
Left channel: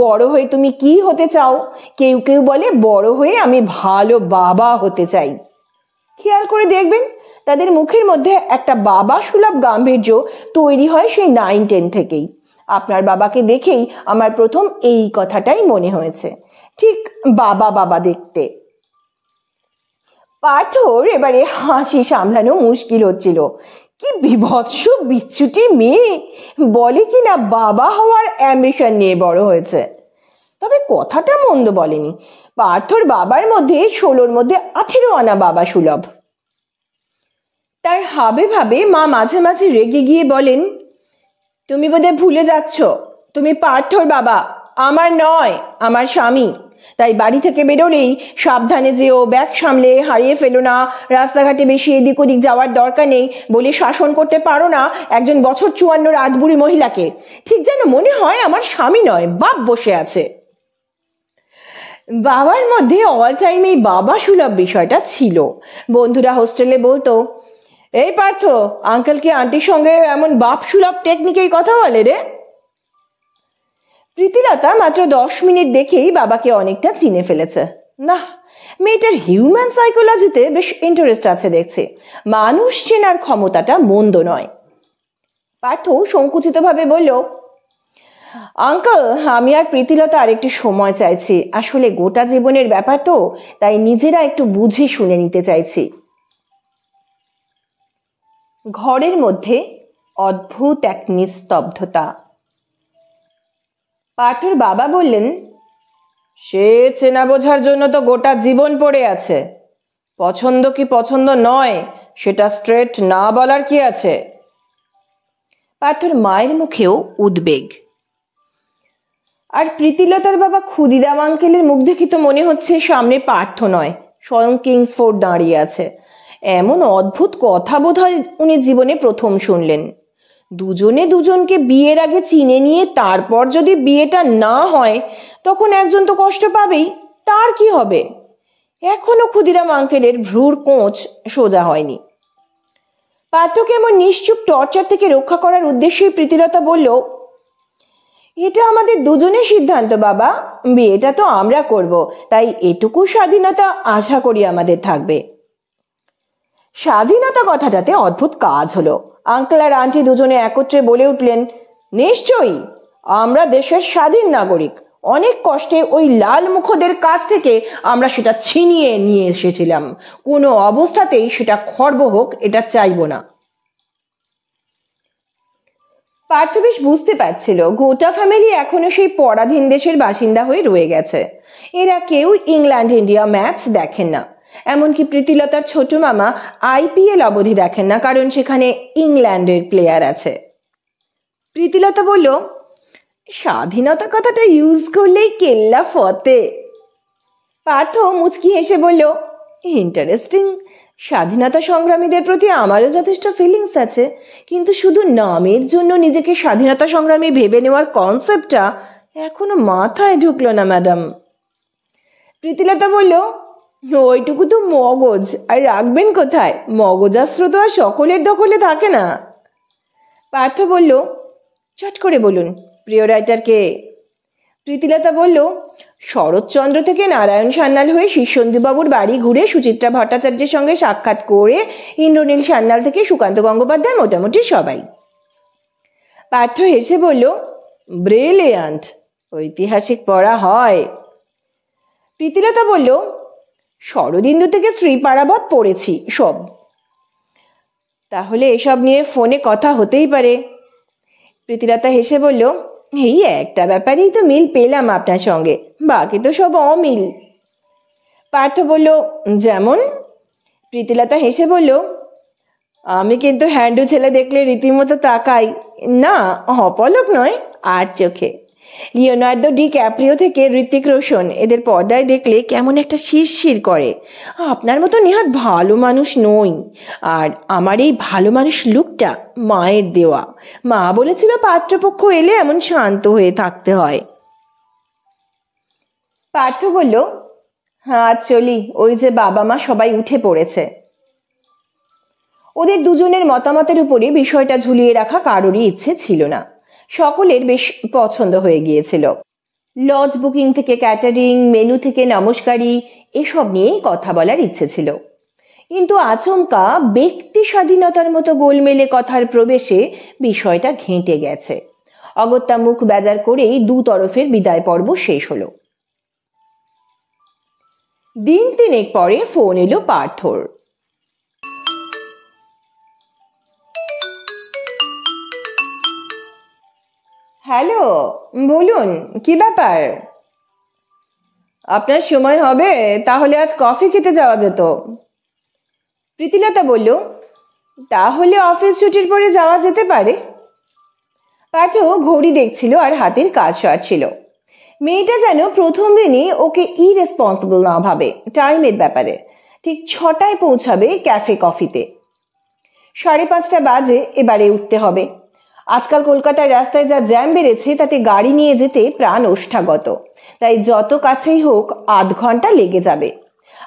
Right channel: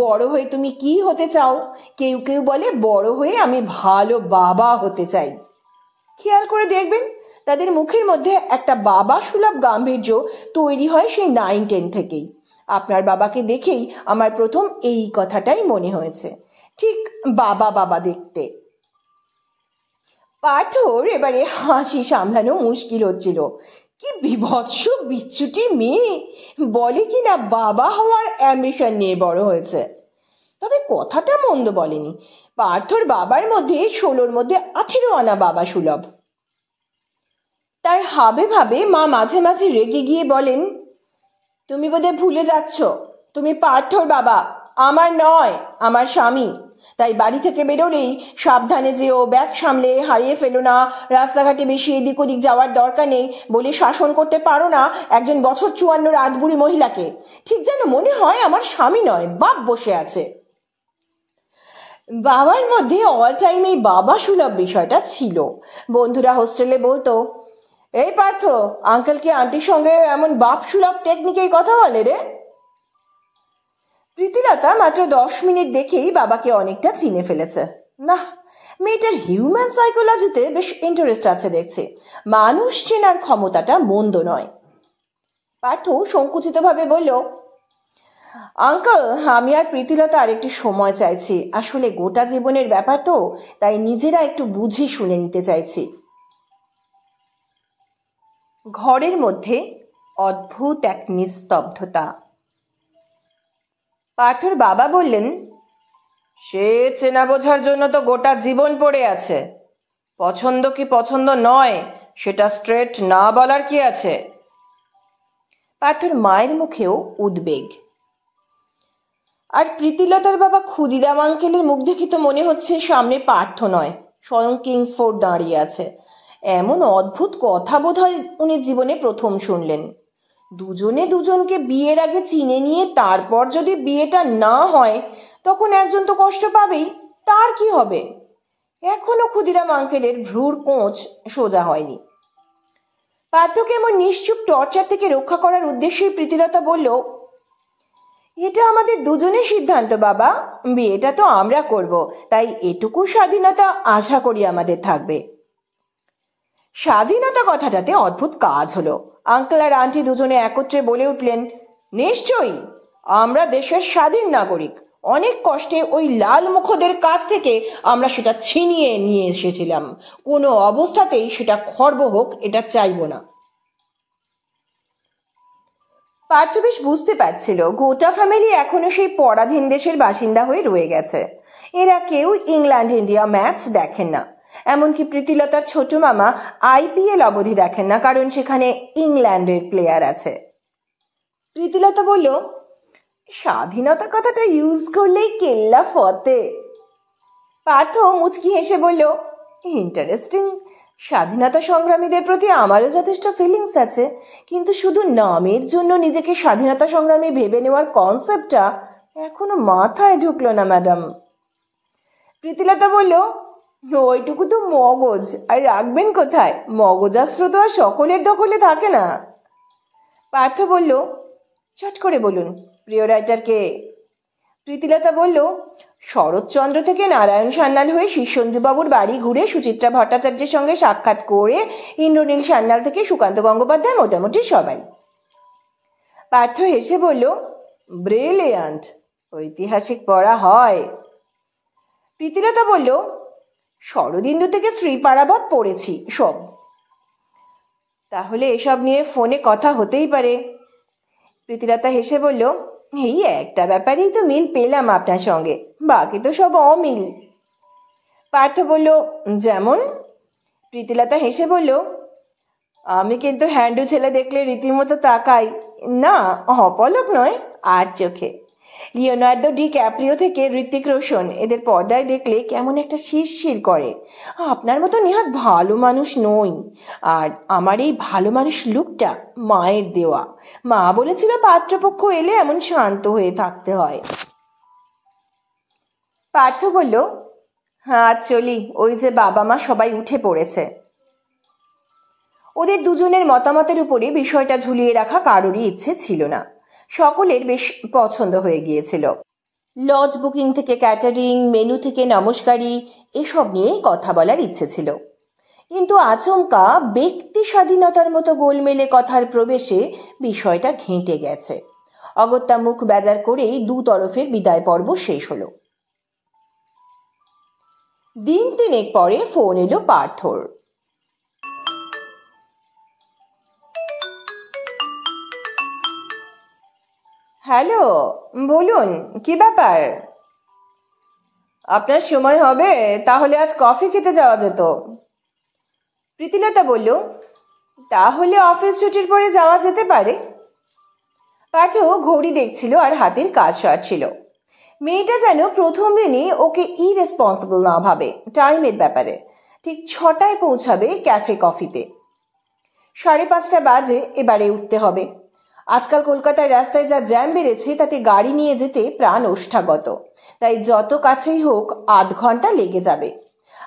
বড় হয়ে তুমি কি হতে চাও? কেউ কেউ বলে, বড় হয়ে আমি ভালো বাবা হতে চাই। খেয়াল করে দেখবেন, তাদের মুখের মধ্যে একটা বাবা সুলভ গাম্ভীর্য তৈরি হয় সেই 9-10 থেকেই। আপনার বাবাকে দেখেই আমার প্রথম এই কথাটাই মনে হয়েছে, ঠিক বাবা বাবা দেখতে। পার্থর এবারে হাসি সামলানো মুশকিল হচ্ছিল। কি বিভৎস বিচ্ছুটি মেয়ে, বলে কিনা বাবা হওয়ার অ্যাম্বিশন নিয়ে বড় হয়েছে। তবে কথাটা মন্দ বলেনি। পার্থর বাবার মধ্যে 16-র মধ্যে 18 আনা বাবা সুলভ। তার হাবে ভাবে মা মাঝে মাঝে রেগে গিয়ে বলেন, তুমি বোধহয় ভুলে যাচ্ছ, তুমি পার্থর বাবা, আমার নয়, আমার স্বামী। তাই বাড়ি থেকে বেরোলেই সাবধানে যেও, ব্যাগ সামলে হারিয়ে ফেলো না, রাস্তাঘাটে বেশি এদিক ওদিক যাওয়ার দরকার নেই বলে শাসন করতে পারো না একজন বছর 54 রাতবুড়ি মহিলাকে। ঠিক যেন মনে হয় আমার স্বামী নয়, বাপ বসে আছে। বাবার মধ্যে অল টাইম এই বাবা সুলভ বিষয়টা ছিল। বন্ধুরা হোস্টেলে বলতো, এই পার্থ, আঙ্কেল কি আন্টির সঙ্গে এমন বাপ সুলভ টেকনিকেই কথা বলে রে? প্রীতিলতা মাত্র 10 মিনিট দেখেই বাবাকে অনেকটা চিনে ফেলেছে। না, মেয়েটার হিউম্যান সাইকোলজিতে বেশ ইন্টারেস্ট আছে দেখছে। মানুষ চেনার ক্ষমতাটা মন্দ নয়। পার্থ সংকুচিত ভাবে বলল, আঙ্কেল, আমি আর প্রীতিলতা আরেকটু সময় চাইছি। আসলে গোটা জীবনের ব্যাপার তো, তাই নিজেরা একটু বুঝে শুনে নিতে চাইছি। ঘরের মধ্যে অদ্ভুত এক নিস্তব্ধতা। পার্থর বাবা বললেন, সে চেনা বোঝার জন্য তো গোটা জীবন পড়ে আছে। পছন্দ কি পছন্দ নয় সেটা স্ট্রেট না বলার কি আছে? পার্থর মায়ের মুখেও উদ্বেগ। আর প্রীতিলতার বাবা ক্ষুদিরাম আঙ্কেলের মুখ দেখে তো মনে হচ্ছে সামনে পার্থ নয়, স্বয়ং কিংসফোর্ড দাঁড়িয়ে আছে। এমন অদ্ভুত কথা বোধহয় উনি জীবনে প্রথম শুনলেন। দুজনে দুজনকে বিয়ের আগে চিনে নিয়ে তারপর যদি বিয়েটা না হয়, তখন একজন তো কষ্ট পাবেই, তার কি হবে? এখনো ক্ষুদিরাম আঙ্কেলের ভ্রুর কোঁচ সোজা হয়নি। পার্থকে এমন নিশ্চুপ টর্চার থেকে রক্ষা করার উদ্দেশ্যে প্রীতিলতা বলল, এটা আমাদের দুজনের সিদ্ধান্ত বাবা, বিয়েটা তো আমরা করব, তাই এটুকু স্বাধীনতা আশা করি আমাদের থাকবে। স্বাধীনতা কথাটাতে অদ্ভুত কাজ হলো। আঙ্কেল আর আন্টি দুজনে একত্রে বলে উঠলেন, নিশ্চয়ই, আমরা দেশের স্বাধীন নাগরিক। অনেক কষ্টে ওই লাল মুখদের কাছ থেকে আমরা সেটা ছিনিয়ে নিয়ে এসেছিলাম। কোনো অবস্থাতেই সেটা খর্ব হোক, এটা চাইব না। পার্থ বেশ বুঝতে পারছিল গোটা ফ্যামিলি এখনো সেই পরাধীন দেশের বাসিন্দা হয়ে রয়ে গেছে। এরা কেউ ইংল্যান্ড ইন্ডিয়া ম্যাচ দেখেন না। এমনকি প্রীতিলতার ছোট মামা IPL অবধি দেখেন না, কারণ সেখানে ইংল্যান্ডের প্লেয়ার আছে। প্রীতিলতা বলল, স্বাধীনতা কথাটা ইউজ করলেই কেল্লা ফতে। পার্থ মুচকি হেসে বলল, ইন্টারেস্টিং। স্বাধীনতা সংগ্রামীদের প্রতি আমারও যথেষ্ট ফিলিংস আছে, কিন্তু শুধু নামের জন্য নিজেকে স্বাধীনতা সংগ্রামী ভেবে নেওয়ার কনসেপ্টটা এখনো মাথায় ঢুকলো না ম্যাডাম। প্রীতিলতা বলল, ওইটুকু তো মগজ, আর রাখবেন কোথায়? মগজাস্ত্র তো আর সকলের দখলে থাকে না। পার্থ বলল, চট করে বলুন, প্রিয় রাইটার কে? প্রীতিলতা বলল, শরৎচন্দ্র থেকে নারায়ণ সান্যাল হয়ে শীর্ষেন্দুবাবুর বাড়ি ঘুরে সুচিত্রা ভট্টাচার্যের সঙ্গে সাক্ষাৎ করে ইন্দ্রনীল সান্যাল থেকে সুকান্ত গঙ্গোপাধ্যায়, মোটামুটি সবাই। পার্থ হেসে বলল, ব্রিলিয়ান্ট, ঐতিহাসিক পড়া হয়। প্রীতিলতা বলল, শরদিন্দু থেকে শ্রীপারাবত পড়েছি সব। তাহলে এসব নিয়ে ফোনে কথা হতেই পারে। প্রীতিলতা হেসে বলল, এই একটা ব্যাপারেই তো মিল পেলাম আপনার সঙ্গে, বাকি তো সব অমিল। পার্থ বলল, যেমন? প্রীতিলতা হেসে বলল, আমি কিন্তু হ্যান্ডু ছেলে দেখলে রীতিমতো তাকাই, না অপলক নয়, আর চোখে। লিওনার্দো ডি ক্যাপ্রিও থেকে ঋত্বিক রোশন, এদের পর্দায় দেখলে কেমন একটা শিরশির করে। আপনার মতো নেহাত ভালো মানুষ নই, আর আমার এই ভালো মানুষ লুকটা মায়ের দেওয়া। মা বলেছিল পাত্রপক্ষ এলে এমন শান্ত হয়ে থাকতে হয়। পার্থ বলল, হ্যাঁ চলি, ওই যে বাবা মা সবাই উঠে পড়েছে। ওদের দুজনের মতামতের উপরে বিষয়টা ঝুলিয়ে রাখা কারোরই ইচ্ছে ছিল না। সকলের বেশ পছন্দ হয়ে গিয়েছিল। লজ বুকিং থেকে ক্যাটারিং, মেনু থেকে নমস্কারি, এসব নিয়েই কথা বলার ইচ্ছে ছিল। কিন্তু আচমকা ব্যক্তি স্বাধীনতার মতো গোলমেলে কথার প্রবেশে বিষয়টা ঘেঁটে গেছে। অগত্যা মুখ বেজার করেই দু তরফের বিদায় পর্ব শেষ হলো। দিন তিনেক পরে ফোন এলো পার্থর। হ্যালো, বলুন কি ব্যাপার? আপনার সময় হবে তাহলে আজ কফি খেতে যাওয়া যেত। প্রীতিলতা বলল, তাহলে অফিস ছুটির পরে যাওয়া যেতে পারে। পার্থ ঘড়ি দেখছিল আর হাতের কাজ সারছিল। মেয়েটা যেন প্রথম দিনই ওকে ইরেসপন্সিবল না ভাবে টাইমের ব্যাপারে। ঠিক 6টায় পৌঁছাবে ক্যাফে কফিতে। 5:30 বাজে এবারে উঠতে হবে। আজকাল কলকাতার রাস্তায় যা জ্যাম বেড়েছে তাতে গাড়ি নিয়ে যেতে প্রাণ ওষ্ঠাগত, তাই যত কাছেই হোক আধ ঘন্টা লেগে যাবে।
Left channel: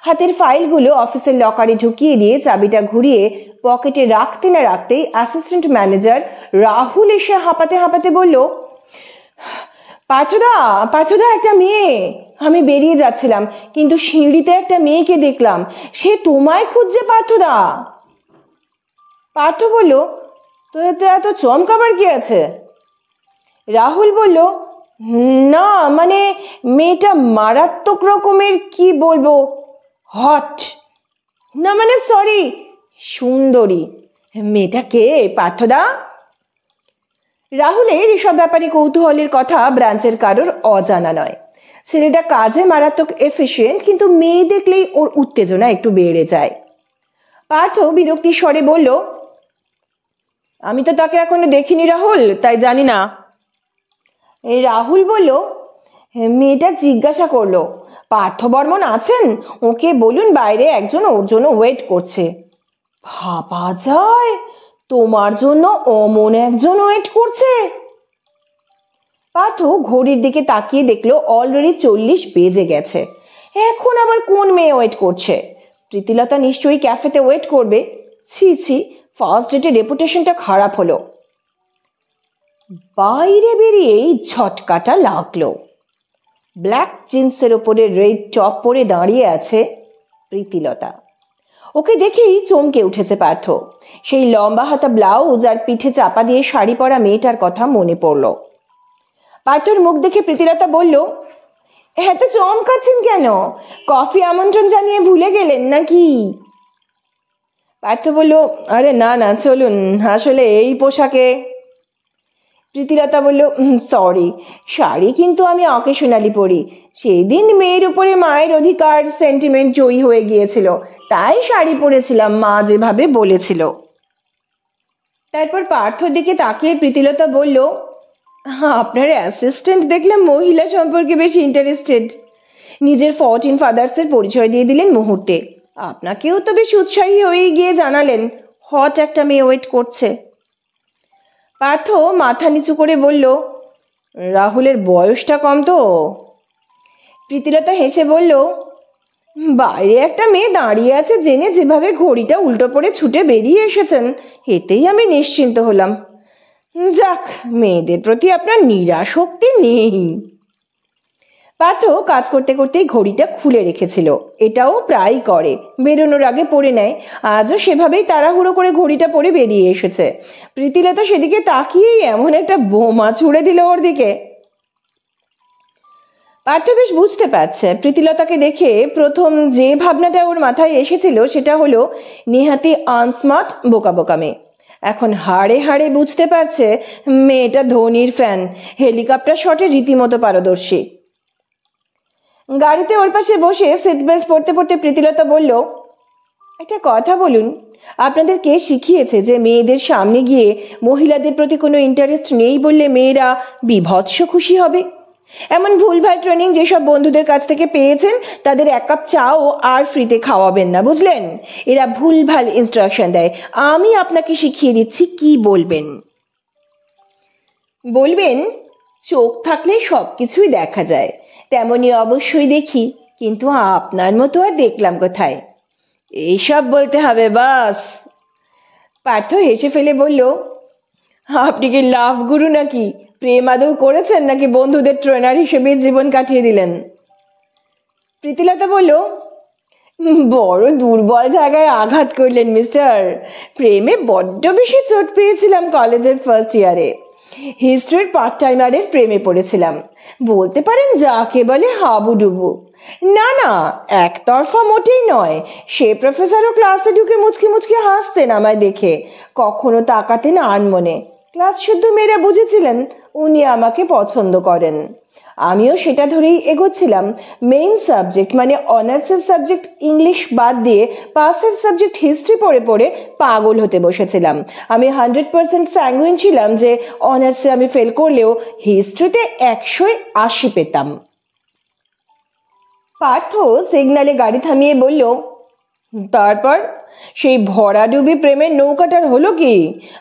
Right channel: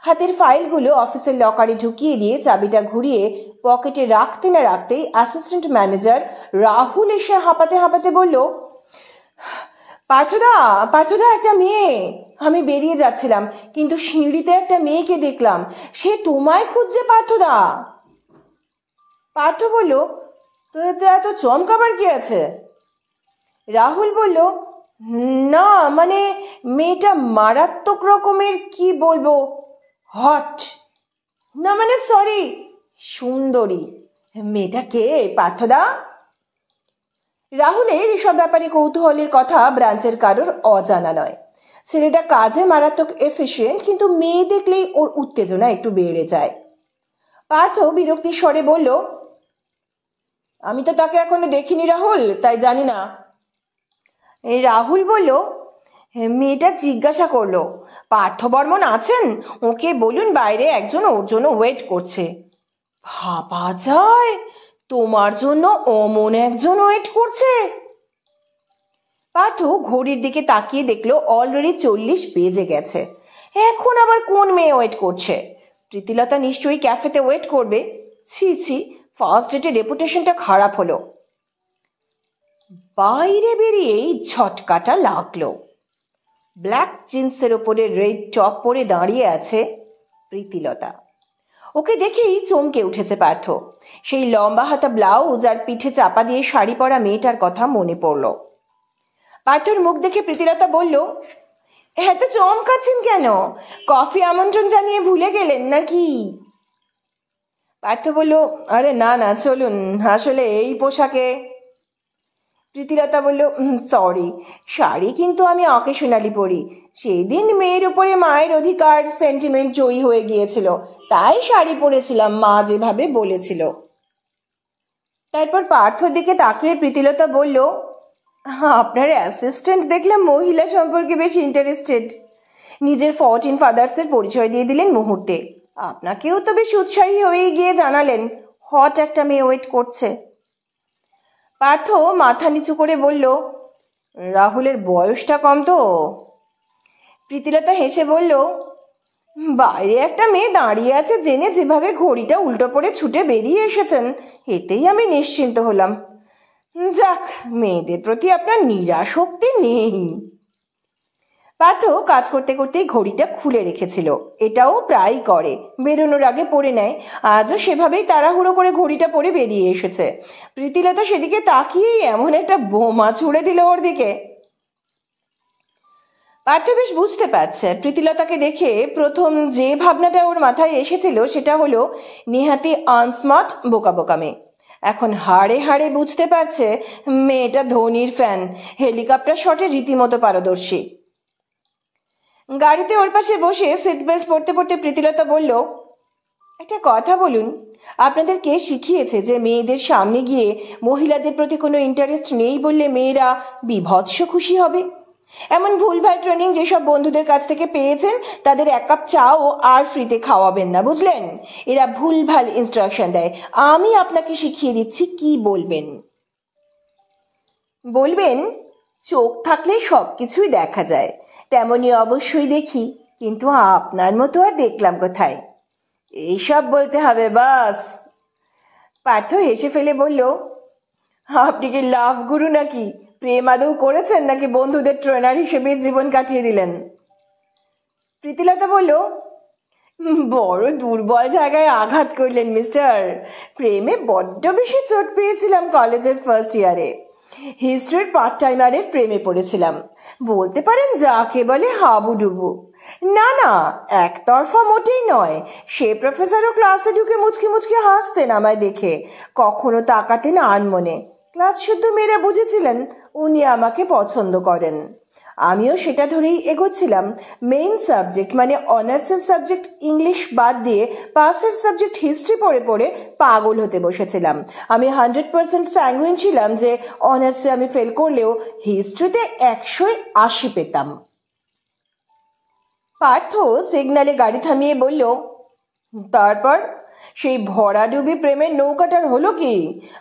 হাতের ফাইলগুলো অফিসের লকারে ঢুকিয়ে দিয়ে চাবিটা ঘুরিয়ে পকেটে রাখতে না রাখতেই অ্যাসিস্ট্যান্ট ম্যানেজার রাহুল এসে হাঁপাতে হাঁপাতে বলল, পার্থদা, পার্থদা, একটা মেয়ে। আমি বেরিয়ে যাচ্ছিলাম, কিন্তু সিঁড়িতে একটা মেয়েকে দেখলাম, সে তোমায় খুঁজছে পার্থদা। পার্থ বলল, তো এতে এত চমকাবার কি আছে? রাহুল বলল, না মানে মেয়েটা মারাত্মক রকমের, কি বলবো, হট। না মানে সরি, সুন্দরী। মেয়েটা কে পার্থদা? রাহুলের এসব ব্যাপারে কৌতূহলের কথা ব্রাঞ্চের কারোর অজানা নয়। ছেলেটা কাজে মারাত্মক এফিশিয়েন্ট, কিন্তু মেয়ে দেখলেই ওর উত্তেজনা একটু বেড়ে যায়। পার্থ বিরক্তির স্বরে বলল, আমি তো তাকে এখনো দেখিনি রাহুল, তাই জানি না। রাহুল বলল, মেয়েটা জিজ্ঞাসা করলো, পার্থ বর্মন আছেন? ওকে বলুন বাইরে একজন ওর জন্য ওয়েট করছে। ভাবা যায়, তোমার জন্য অমন একজন ওয়েট করছে? পার্থ ঘড়ির দিকে তাকিয়ে দেখলো অলরেডি 40 বেজে গেছে। এখন আবার কোন মেয়ে ওয়েট করছে? প্রীতিলতা নিশ্চয়ই ক্যাফেতে ওয়েট করবে। ছি ছি, ফার্স্ট ডেটে রেপুটেশনটা খারাপ হলো। বাইরে বেরিয়েই ঝটকাটা লাগলো। ব্ল্যাক জিন্সের ওপরে রেড টপ পরে দাঁড়িয়ে আছে প্রীতিলতা। ওকে দেখেই চমকে উঠেছে পার্থ। সেই লম্বা হাতা ব্লাউজ আর পিঠে চাপা দিয়ে শাড়ি পরা মেয়েটার কথা মনে পড়ল। পার্থর মুখ দেখে প্রীতিলতা বলল, এত চমকাচ্ছেন কেন? কফি আমন্ত্রণ জানিয়ে ভুলে গেলেন নাকি? পার্থ বলল, আরে না না, চলুন, আসলে এই পোশাকে। প্রীতিলতা বলল, সরি, শাড়ি কিন্তু আমি অকেশনালি পরি। সেই দিন মেয়ের উপরে মায়ের অধিকার সেন্টিমেন্ট জয়ী হয়ে গিয়েছিল, তাই শাড়ি পরেছিলাম, মা যেভাবে বলেছিল। তারপর পার্থর দিকে তাকিয়ে প্রীতিলতা বলল, আপনার অ্যাসিস্ট্যান্ট দেখলাম মহিলা সম্পর্কে বেশ ইন্টারেস্টেড। নিজের 14 ফাদার্সের পরিচয় দিয়ে দিলেন মুহূর্তে। আপনাকেও তো বেশ উৎসাহী হয়ে গিয়ে জানালেন হট একটা মেয়ে ওয়েট করছে। পার্থ মাথা নিচু করে বলল, রাহুলের বয়সটা কম তো। প্রীতিলতা হেসে বলল, বাইরে একটা মেয়ে দাঁড়িয়ে আছে জেনে যেভাবে ঘড়িটা উল্টো পড়ে ছুটে বেরিয়ে এসেছেন, এতেই আমি নিশ্চিন্ত হলাম। যাক, মেয়েদের প্রতি আপনার নিরাসক্তি নেই। পার্থ কাজ করতে করতেই ঘড়িটা খুলে রেখেছিল। এটাও প্রায় করে, বেরোনোর আগে পরে নেয়। আজও সেভাবেই তাড়াহুড়ো করে ঘড়িটা পরে বেরিয়ে এসেছে। প্রীতিলতা সেদিকে তাকিয়েই এমন একটা বোমা ছুড়ে দিল ওর দিকে। পার্থ বেশ বুঝতে পারছে প্রীতিলতাকে দেখে প্রথম যে ভাবনাটা ওর মাথায় এসেছিল সেটা হলো নেহাতি আনস্মার্ট, বোকা বোকা মেয়ে। এখন হাড়ে হাড়ে বুঝতে পারছে মেয়েটা ধোনির ফ্যান, হেলিকপ্টার শটে রীতিমতো পারদর্শী। গাড়িতে ওর পাশে বসে সিট বেল্ট পরতে পরতে প্রীতিলতা বলল, একটা কথা বলুন, আপনাদের কে শিখিয়েছে যে মেয়েদের সামনে গিয়ে মহিলাদের প্রতি কোনো ইন্টারেস্ট নেই বললে মেয়েরা বিভৎস খুশি হবে? এমন ভুলভাল ট্রেনিং যেসব বন্ধুদের কাছ থেকে পেয়েছেন তাদের এক কাপ চাও আর ফ্রিতে খাওয়াবেন না, বুঝলেন? এরা ভুলভাল ইনস্ট্রাকশন দেয়। আমি আপনাকে শিখিয়ে দিচ্ছি কি বলবেন। বলবেন, চোখ থাকলে সবকিছুই দেখা যায়, তেমনি অবশ্যই দেখি, কিন্তু আপনার মতো আর দেখলাম কোথায়। এইসব বলতে হবে বাস। পার্থ হেসে ফেলে বলল, আপনি কি লাভ গুরু নাকি? প্রেম আদৌ করেছেন নাকি বন্ধুদের ট্রেনার হিসেবে জীবন কাটিয়ে দিলেন? প্রীতিলতা বলল, বড় দুর্বল জায়গায় আঘাত করলেন মিস্টার। প্রেমে বড্ড বেশি চোট পেয়েছিলাম কলেজের ফার্স্ট ইয়ারে। হিস্ট্রির পার্ট টাইমারের প্রেমে পড়েছিলাম, বলতে পারেন যাকে বলে হাবুডুবু। না না, একতরফা মোটেই নয়। সে প্রফেসরও ক্লাসে ঢুকে মুচকি মুচকি হাসতেন আমায় দেখে, কখনো তাকাতেন আনমনে। ক্লাস শুদ্ধ মেয়েরা বুঝেছিলেন উনি আমাকে পছন্দ করেন। আমিও সেটা ধরেই এগোচ্ছিলাম। মেইন সাবজেক্ট মানে অনার্সের সাবজেক্ট ইংলিশ বাদ দিয়ে পাসের সাবজেক্ট হিস্ট্রি পড়ে পড়ে পাগল হতে বসেছিলাম। আমি 100% স্যাঙ্গুইন ছিলাম যে অনার্সে আমি ফেল করলেও হিস্ট্রিতে 180 পেতাম। পার্থ সিগনালে গাড়ি থামিয়ে বলল, তারপর সেই ভরাডুবি প্রেমের নৌকাটার হলো কি?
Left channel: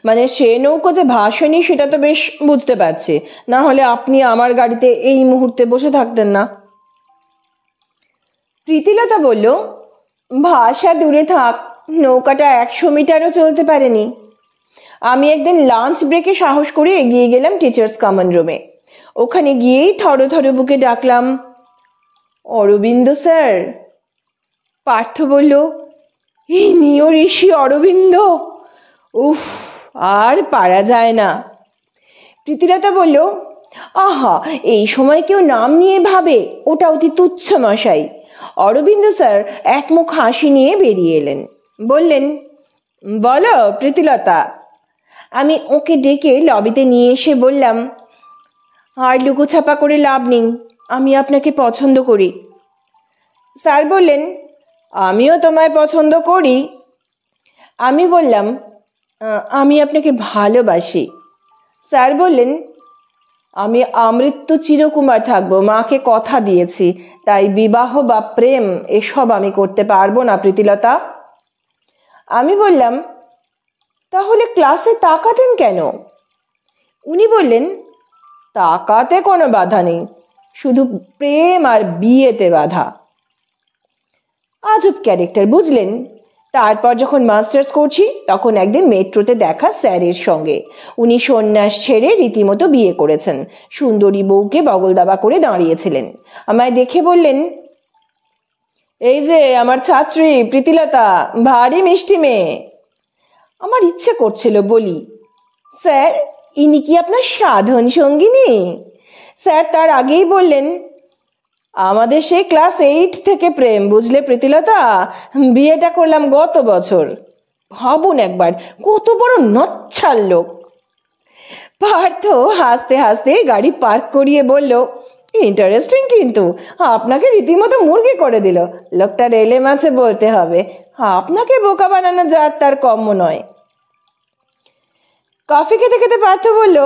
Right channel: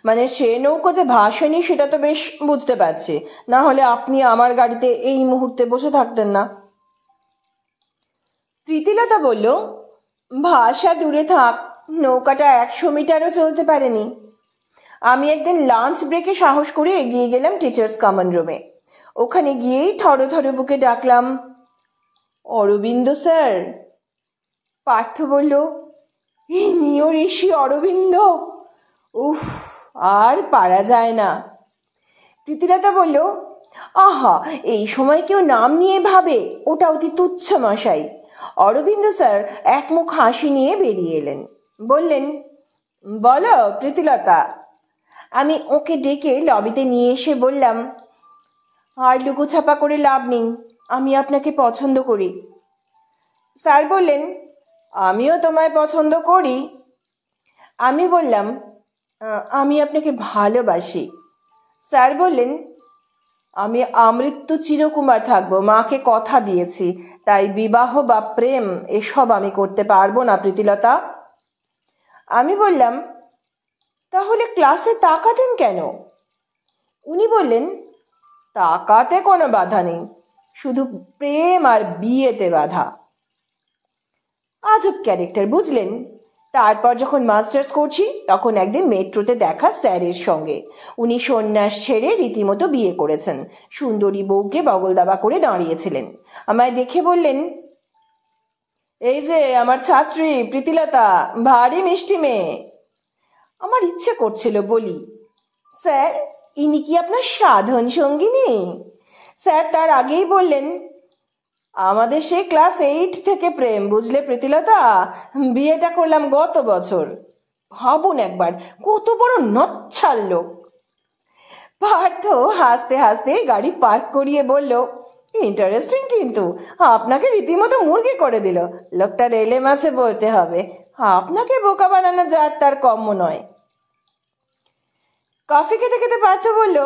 মানে সে নৌকো যে ভাসেনি সেটা তো বেশ বুঝতে পারছি, না হলে আপনি আমার গাড়িতে এই মুহূর্তে বসে থাকতেন না। প্রীতিলতা বলল, ভাষা দূরে থাক, নৌকাটা 100 মিটারও চলতে পারেনি। আমি একদিন লাঞ্চ ব্রেকে সাহস করে এগিয়ে গেলাম টিচার্স কমন রুমে। ওখানে গিয়েই থরো থরো বুকে ডাকলাম, অরবিন্দ স্যার। পার্থ বলল, ইনিও ঋষি অরবিন্দ? উফ, আর পারা যায় না। প্রীতিলতা বলল, আহা, এই সময় কেউ নাম নিয়ে ভাবে? ওটা অতি তুচ্ছ মশাই। অরবিন্দ স্যার একমুখ হাসি নিয়ে বেরিয়ে এলেন, বললেন, বলো প্রীতিলতা। আমি ওকে ডেকে লবিতে নিয়ে এসে বললাম, আর লুকোছাপা করে লাভ নেই, আমি আপনাকে পছন্দ করি। স্যার বললেন, আমিও তোমায় পছন্দ করি। আমি বললাম, আমি আপনাকে ভালোবাসি। স্যার বললেন, আমি আমৃত্যু চিরকুমার থাকবো, মাকে কথা দিয়েছি, তাই বিবাহ বা প্রেম এসব আমি করতে পারবো না প্রীতিলতা। আমি বললাম, তাহলে ক্লাসে তাকাতেন কেন? উনি বললেন, তাকাতে কোনো বাধা নেই, শুধু প্রেম আর বিয়েতে বাধা। আজব ক্যারেক্টার, বুঝলেন? তারপর যখন মাস্টার্স করছি তখন একদিন মেট্রোতে দেখা স্যারের সঙ্গে। উনি সন্ন্যাস ছেড়ে রীতিমতো বিয়ে করেছেন, সুন্দরী বউকে বগল দাবা করে দাঁড়িয়েছিলেন। আমায় দেখে বললেন, এই যে আমার ছাত্রী প্রীতিলতা, ভারী মিষ্টি মেয়ে। আমার ইচ্ছে করছিল বলি, স্যার ইনি কি আপনার সাধন সঙ্গিনী? স্যার তার আগেই বললেন, আমাদের সেই ক্লাস 8 থেকে প্রেম, বুঝলে প্রীতিলতা? বিয়েটা করলাম গত বছর। ভাবুন একবার, কত বড় নচ্ছাল লোক। পার্থ হাসতে হাসতে গাড়ি পার্ক করিয়ে বলল, ইন্টারেস্টিং, কিন্তু আপনাকে রীতিমতো মুরগি করে দিল। লোকটা রেলে মাছে বলতে হবে, আপনাকে বোকা বানানো যার তার কম্য নয়। কফি খেতে খেতে পার্থ বলল,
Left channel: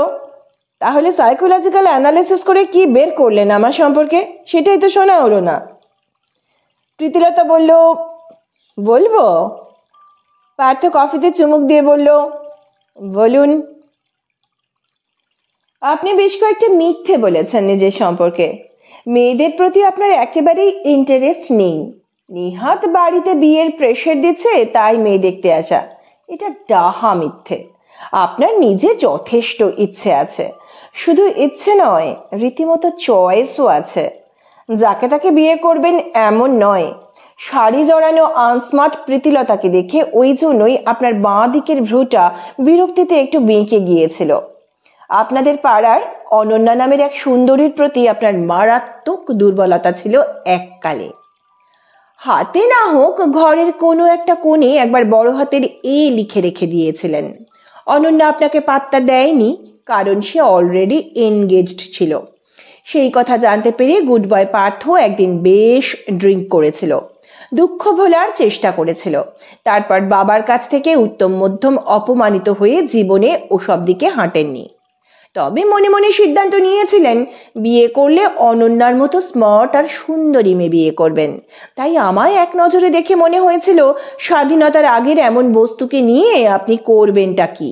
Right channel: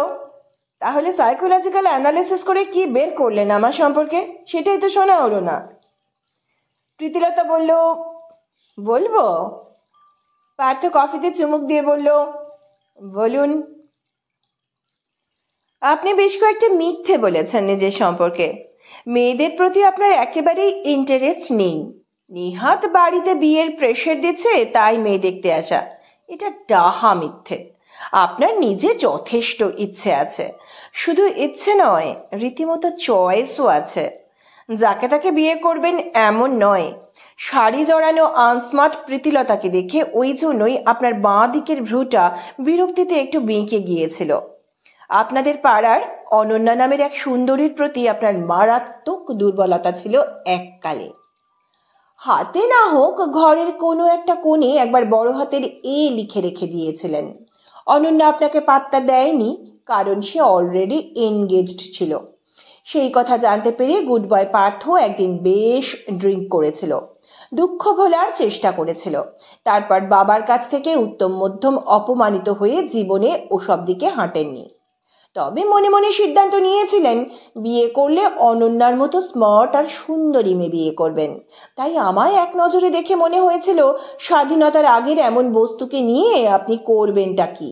তাহলে সাইকোলজিক্যাল অ্যানালিসিস করে কি বের করলেন আমার সম্পর্কে? সেটাই তো শোনা হলো না। প্রীতিলতা বলল, বলবো? পার্থ কফিতে চুমুক দিয়ে বলল, বলুন। আপনি বেশ কয়েকটা মিথ্যে বলেছেন নিজের সম্পর্কে। মেয়েদের প্রতি আপনার একেবারেই ইন্টারেস্ট নেই, নিহাত বাড়িতে বিয়ের প্রেশার দিচ্ছে তাই মেয়ে দেখতে আসা। এটা ডাহা মিথ্যে। আপনার নিজের যথেষ্ট ইচ্ছে আছে, শুধু ইচ্ছে নয়, রীতিমতো চয়েসও আছে। যাকে তাকে বিয়ে করবেন এমন নয়। শাড়ি জড়ানো আনস্মার্ট প্রীতিলতাকে দেখে ওই জন্যই আপনার বাঁ দিকের ভ্রুটা বিরক্তিতে একটু বেঁকে গিয়েছিল। আপনাদের পাড়ার অনন্যা নামের এক সুন্দরীর প্রতি আপনার মারাত্মক দুর্বলতা ছিল এককালে। হাতে না হোক ঘরের কোনো একটা কোণে একবার বড় হাতের এ লিখে রেখে দিয়েছিলেন। অনন্যা আপনাকে পাত্তা দেয়নি কারণ সে অলরেডি এনগেজড ছিল। সেই কথা জানতে পেরে গুড বয় পার্থ একদিন বেশ ড্রিঙ্ক করেছিল, দুঃখ ভোলার চেষ্টা করেছিল। তারপর বাবার কাছ থেকে উত্তম মধ্যম অপমানিত হয়ে জীবনে ওসব দিকে হাঁটেননি। তবে মনে মনে সিদ্ধান্ত নিয়েছিলেন বিয়ে করলে অনন্যার মতো স্মার্ট আর সুন্দরী মেয়ে বিয়ে করবেন। তাই আমায় এক নজরে দেখে মনে হয়েছিল স্বাধীনতার আগের এমন বস্তুকে নিয়ে আপনি করবেনটা কি।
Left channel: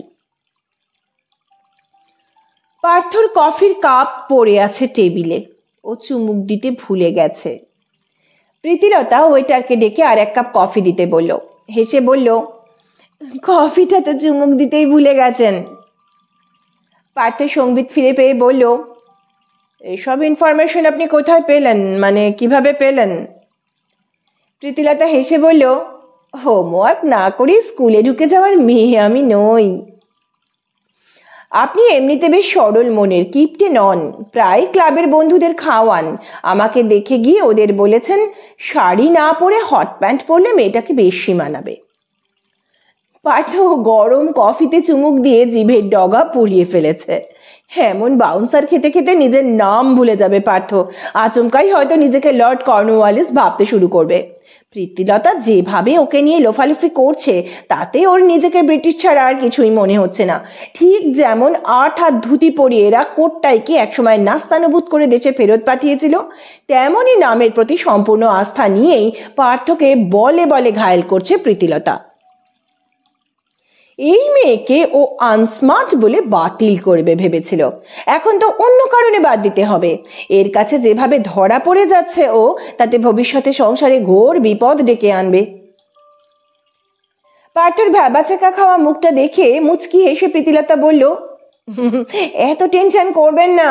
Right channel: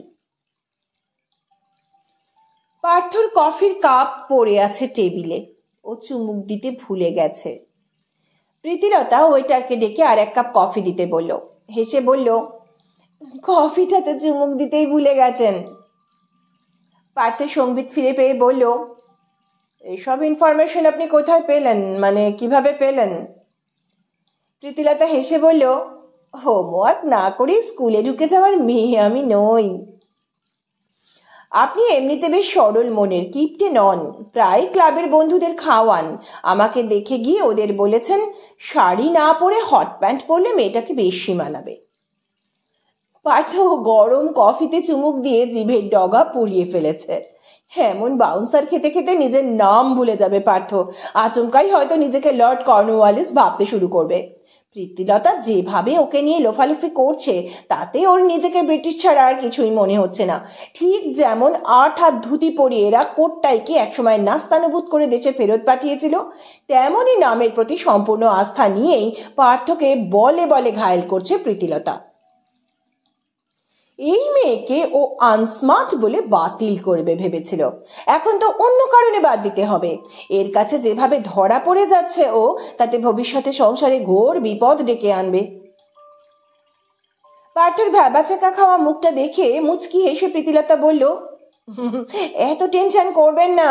পার্থর কফির কাপ পড়ে আছে টেবিলে, ও চুমুক দিতে ভুলে গেছে। প্রীতিলতা ওয়েটারকে ডেকে আর এক কাপ কফি দিতে বলল। হেসে বলল, কফিটা তো চুমুক দিতেই ভুলে গেছেন। পার্থ সংবিত ফিরে পেয়ে বলল, এসব ইনফরমেশন আপনি কোথায় পেলেন, মানে কিভাবে পেলেন? প্রীতিলতা হেসে বলল, হোমওয়ার্ক না করে স্কুলে ঢুকে যাওয়ার মেয়ে আমি নই। আপনি এমনিতে বেশ সরল মনের, কিপটে নন, প্রায় ক্লাবের বন্ধুদের খাওয়ান। আমাকে দেখে গিয়ে ওদের বলেছেন শাড়ি না পরে হট প্যান্ট পরলে মেয়েটাকে বেশি মানাবে। পার্থ গরম কফিতে চুমুক দিয়ে জিভের ডগা পুড়িয়ে ফেলেছে। এমন বাউন্সার খেতে খেতে নিজের নাম ভুলে যাবে পার্থ। আচমকাই হয়তো নিজেকে লর্ড কর্নওয়ালিস ভাবতে শুরু করবে। প্রীতিলতা যেভাবে ওকে নিয়ে লোফালুফি করছে তাতে ওর নিজেকে ব্রিটিশ ছাড়া আর কিছুই মনে হচ্ছে না। ঠিক যেমন 8 হাত ধুতি পরিয়ে এরা কোটটাইকে একসময় নাস্তানুভূত করে দেশে ফেরত পাঠিয়েছিল, তেমনই নামের প্রতি সম্পূর্ণ আস্থা নিয়েই পার্থকে বলে বলে ঘায়েল করছে প্রীতিলতা। এই মেয়েকে ও আনস্মার্ট বলে বাতিল করবে ভেবেছিল, এখন তো অন্য কারণে বাদ দিতে হবে। এর কাছে যেভাবে ধরা পড়ে যাচ্ছে ও, তাতে ভবিষ্যতে সংসারে ঘোর বিপদ ডেকে আনবে। পার্থর ভ্যাবাচাকা খাওয়া মুখটা দেখে মুচকি হেসে প্রীতিলতা বলল, এত টেনশন করবেন না।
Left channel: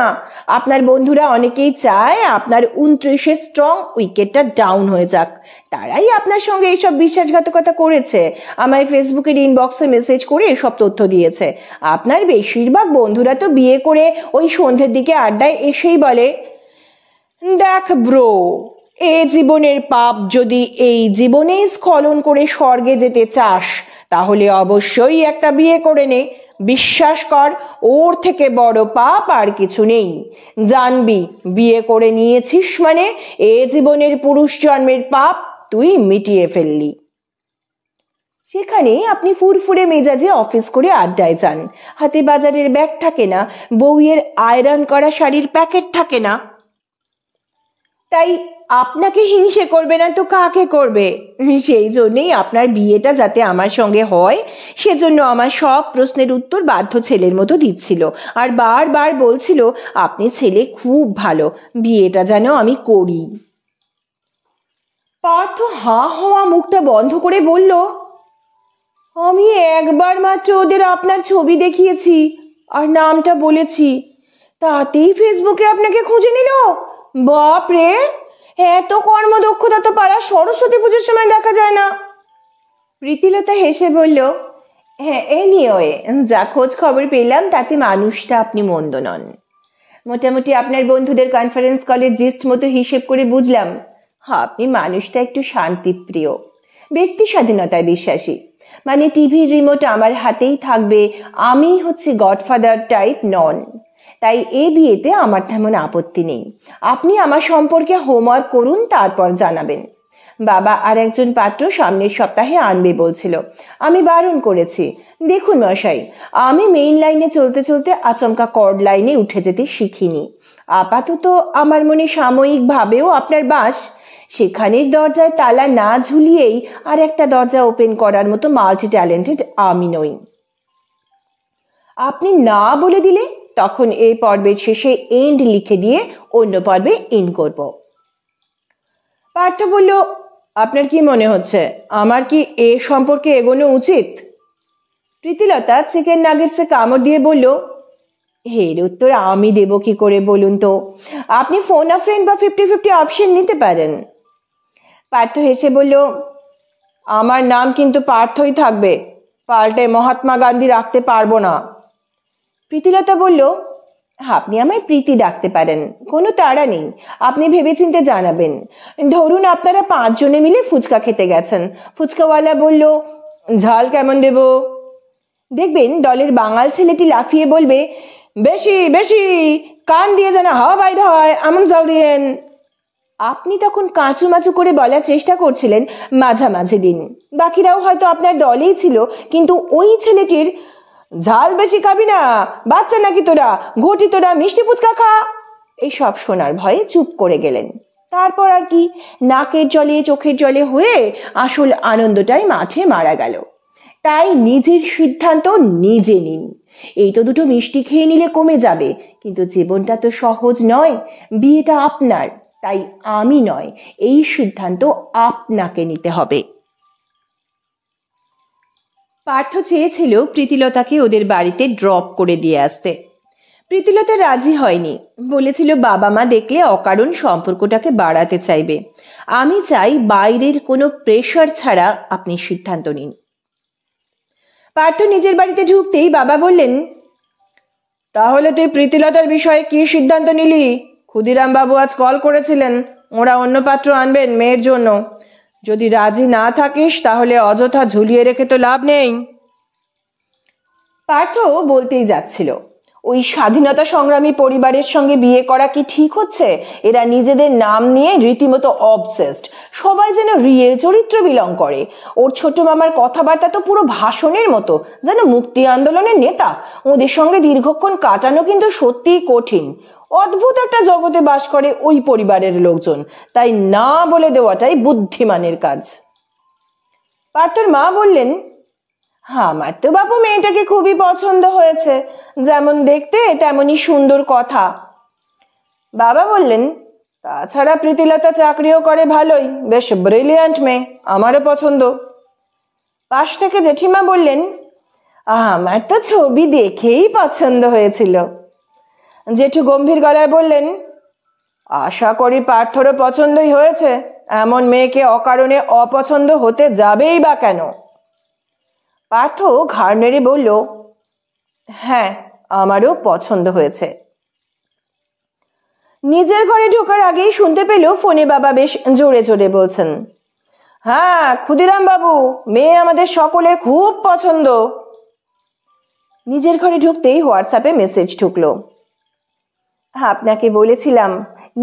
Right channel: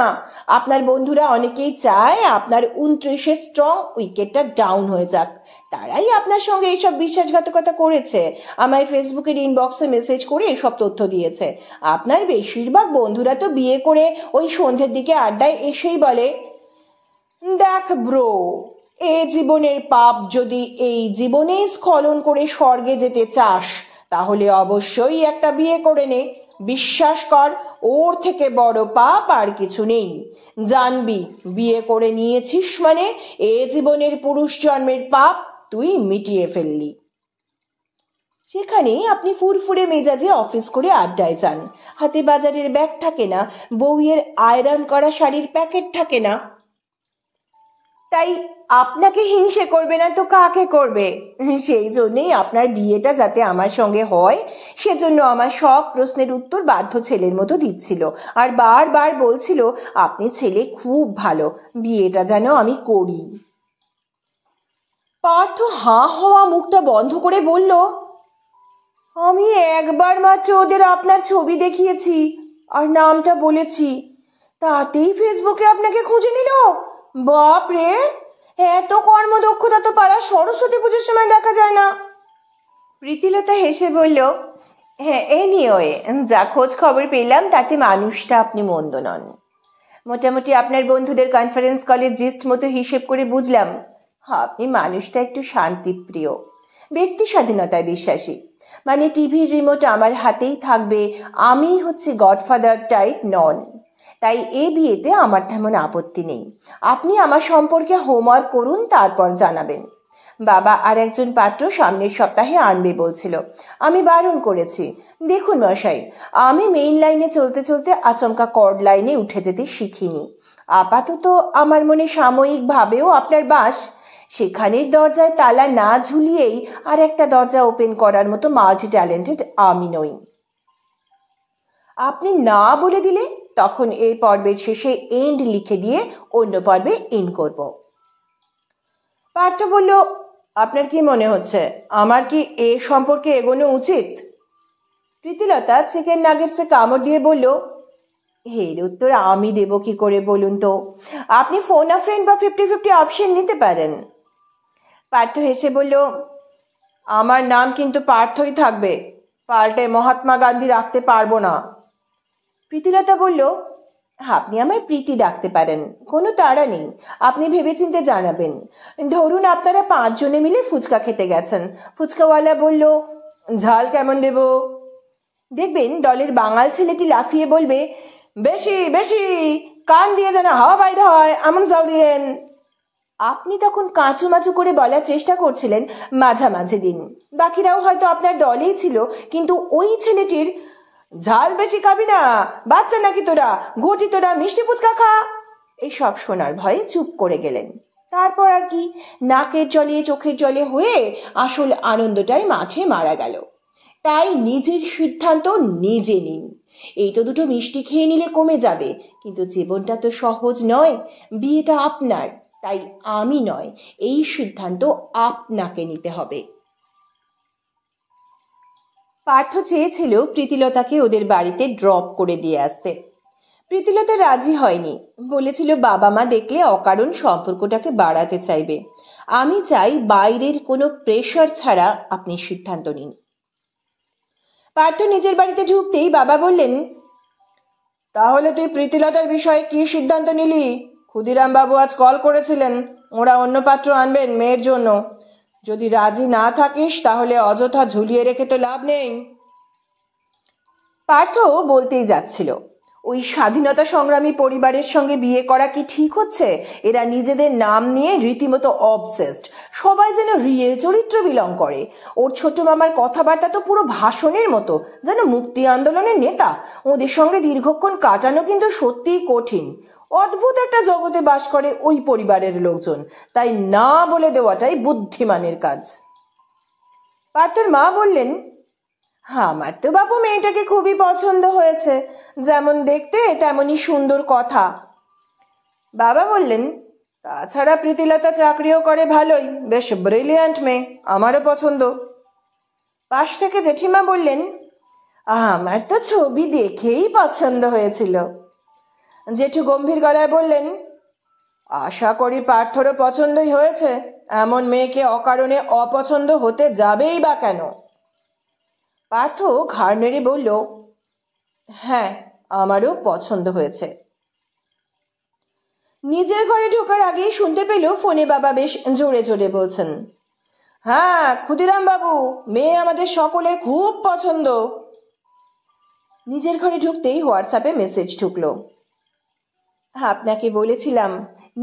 আপনার বন্ধুরা অনেকেই চায় আপনার 29-এ স্ট্রং উইকেটটা ডাউন হয়ে যাক। তারাই আপনার সঙ্গে এইসব বিশ্বাসঘাতকতা করেছে, আমায় ফেসবুকের ইনবক্সে মেসেজ করে এসব তথ্য দিয়েছে। আপনার বেশিরভাগ বন্ধুরা তো বিয়ে করে ওই সন্ধ্যের দিকে আড্ডায় এসেই বলে, দেখ ব্রো, এ জীবনের পাপ যদি এই জীবনেই স্খলন করে স্বর্গে যেতে চাস তাহলে অবশ্যই একটা বিয়ে করে নে। বিশ্বাস কর, ওর থেকে বড় পাপ আর কিছু নেই। জানবি, বিয়ে করে নিয়েছিস মানে এ জীবনের পুরুষ জন্মের পাপ তুই মিটিয়ে ফেললি। সেখানে আপনি ফুরফুরে মেজাজে অফিস করে আড্ডায় যান, হাতে বাজারের ব্যাগ থাকে না, বউয়ের আয়রন করা শাড়ির প্যাকেট থাকে না। তাই আপনাকে হিংসে করবে না তো কাকে করবে? সেই জন্যই আপনার বিয়েটা যাতে আমার সঙ্গে হয় সেজন্য আমার সব প্রশ্নের উত্তর বাধ্য ছেলের মতো দিচ্ছিল, আর বারবার বলছিল আপনি ছেলে খুব ভালো, বিয়েটা যেন আমি করি। পার্থ হাঁ হওয়া মুখটা বন্ধ করে বলল, আমি একবার মাত্র ওদের আপনার ছবি দেখিয়েছি আর নামটা বলেছি, তাতেই ফেসবুকে আপনাকে খুঁজে নিল। বাপ রে, এত কর্মদক্ষতা তো পাড়া সরস্বতী পুজোর সময় দেখা যায় না। প্রীতিলতা হেসে বলল, হ্যাঁ এনিওয়ে, যা খোঁজ খবর পেলাম তাতে মানুষটা আপনি মন্দ নন। মোটামুটি আপনার বন্ধুদের কনফারেন্স কলের জিস্ট মতো হিসেব করে বুঝলাম আপনি মানুষটা একটু শান্তিপ্রিয়, ব্যক্তি স্বাধীনতায় বিশ্বাসী। মানে টিভির রিমোট আমার হাতেই থাকবে, আমি হচ্ছে গডফাদার টাইপ নন। তাই এ বিয়েতে আমার তেমন আপত্তি নেই। আপনি আমার সম্পর্কে হোমওয়ার্ক করুন, তারপর জানাবেন। বাবা আর একজন পাত্র সামনের সপ্তাহে আনবে বলছিল, আমি বারণ করেছি। দেখুন মশাই, আমি মেইন লাইনে চলতে চলতে আচমকা কর্ড লাইনে উঠে যেতে শিখিনি। আপাতত আমার মনে সাময়িক ভাবেও আপনার বাস, সেখানের দরজায় তালা না ঝুলিয়েই আর একটা দরজা ওপেন করার মতো মাল্টি ট্যালেন্টেড আমি নই। আপনি না বলে দিলে তখন এই পর্বের শেষে এন্ড লিখে দিয়ে অন্য পর্বে ইন করব। পার্থ বলল, আপনার কি মনে হচ্ছে আমার কি এ সম্পর্কে এগোনো উচিত? প্রীতিলতা চিকেন নাগেটসে কামড় দিয়ে বলল, এর উত্তর আমি দেব কি করে বলুন তো? আপনি ফোন আ ফ্রেন্ড বা 50-50 অপশন নিতে পারেন। পার্থ হেসে বলল, আমার নাম কিন্তু পার্থই থাকবে, পাল্টে মহাত্মা গান্ধী রাখতে পারবো না। প্রীতিলতা বলল, আপনি আমায় প্রীতি ডাকতে পারেন, কোনো তাড়া নেই। আপনি ভেবেচিন্তে জানাবেন। ধরুন আপনারা 5 জনে মিলে ফুচকা খেতে গেছেন। ফুচকাওয়ালা বলল, ঝাল কেমন দেব? দেখবেন দলের বাঙাল ছেলেটি লাফিয়ে বলবে, বেশি বেশি, কান দিয়ে যেন হাওয়া বাইর হয়, এমন জল দিয়েন। আপনি তখন কাঁচুমাচু করে বলার চেষ্টা করছিলেন মাঝামাঝি দিন। বাকিরাও হয়তো আপনার দলেই ছিল, কিন্তু ওই ছেলেটির ঝাল বেশি খাবি না, বাচ্চা নাকি তোরা, ঘটি তোরা, মিষ্টি ফুচকা খা, এইসব শোনার ভয়ে চুপ করে গেলেন। তারপর আর কি, নাকের জলে চোখের জলে হয়ে আসল আনন্দটাই মাঠে মারা গেল। তাই নিজের সিদ্ধান্ত নিজে নিন। এই তো দুটো মিষ্টি খেয়ে নিলে কমে যাবে, কিন্তু জীবনটা তো সহজ নয়। বিয়েটা আপনার, তাই আমি নয়, এই সিদ্ধান্ত আপনাকে নিতে হবে। পার্থ চেয়েছিল প্রীতিলতাকে ওদের বাড়িতে ড্রপ করে দিয়ে আসতে। প্রীতিলতা রাজি হয়নি, বলেছিল বাবা মা দেখলে অকারণ সম্পর্কটাকে বাড়াতে চাইবে। আমি চাই বাইরের কোনো প্রেশার ছাড়া আপনি সিদ্ধান্ত নিন। পার্থ নিজের বাড়িতে ঢুকতেই বাবা বললেন, তাহলে তুই প্রীতিলতার বিষয়ে কি সিদ্ধান্ত নিলি? ক্ষুদিরাম বাবু আজ কল করেছিলেন, ওরা অন্য পাত্র আনবেন মেয়ের জন্য। যদি রাজি না থাকিস তাহলে অযথা ঝুলিয়ে রেখে তো লাভ নেই। পার্থ বলতেই যাচ্ছিল, ওই স্বাধীনতা সংগ্রামী পরিবারের সঙ্গে বিয়ে করা কি ঠিক হচ্ছে? এরা নিজেদের নাম নিয়ে রীতিমতো অবসেসড, সবাই যেন রিয়েল চরিত্র বিলং করে। ওর ছোট মামার কথাবার্তা তো পুরো ভাষণের মতো, যেন মুক্তি আন্দোলনের নেতা। ওদের সঙ্গে দীর্ঘক্ষণ কাটানো কিন্তু সত্যিই কঠিন। অদ্ভুত একটা জগতে বাস করে ওই পরিবারের লোকজন, তাই না বলে দেওয়াটাই বুদ্ধিমানের কাজ। পার্থর মা বললেন, আমার তো বাপু মেয়েটাকে খুবই পছন্দ হয়েছে, যেমন দেখতে তেমনই সুন্দর কথা। বাবা বললেন, তাছাড়া প্রীতিলতা চাকরিও করে ভালোই, বেশ ব্রিলিয়ান্ট মেয়ে, আমারও পছন্দ। পাশ থেকে জেঠিমা বললেন, আমার তো ছবি দেখেই পছন্দ হয়েছিল। জেঠু গম্ভীর গলায় বললেন, আশা করি পার্থরও পছন্দই হয়েছে, এমন মেয়েকে অকারণে অপছন্দ হতে যাবেই বা কেন? পার্থ ঘাড় নেড়ে বলল, হ্যাঁ, আমারও পছন্দ হয়েছে। নিজের ঘরে ঢোকার আগেই শুনতে পেল ফোনে বাবা বেশ জোরে জোরে বলছেন, হ্যাঁ ক্ষুদিরাম বাবু, মেয়ে আমাদের সকলের খুব পছন্দ। নিজের ঘরে ঢুকতেই হোয়াটসঅ্যাপে মেসেজ ঢুকলো, আপনাকে বলেছিলাম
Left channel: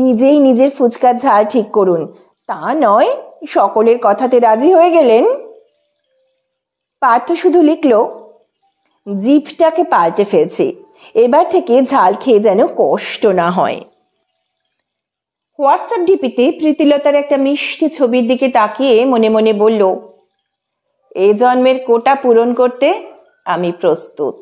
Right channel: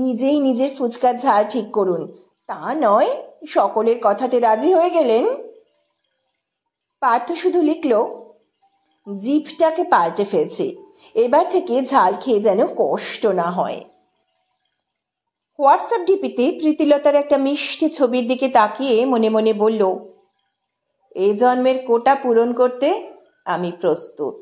নিজেই নিজের ফুচকার ঝাল ঠিক করুন, তা নয় সকলের কথাতে রাজি হয়ে গেলেন। পার্থ শুধু লিখল, জিভটাকে পাল্টে ফেলছি, এবার থেকে ঝাল খেয়ে যেন কষ্ট না হয়। হোয়াটসঅ্যাপ ডিপিতে প্রীতিলতার একটা মিষ্টি ছবির দিকে তাকিয়ে মনে মনে বলল, এ জন্মের কোটা পূরণ করতে আমি প্রস্তুত।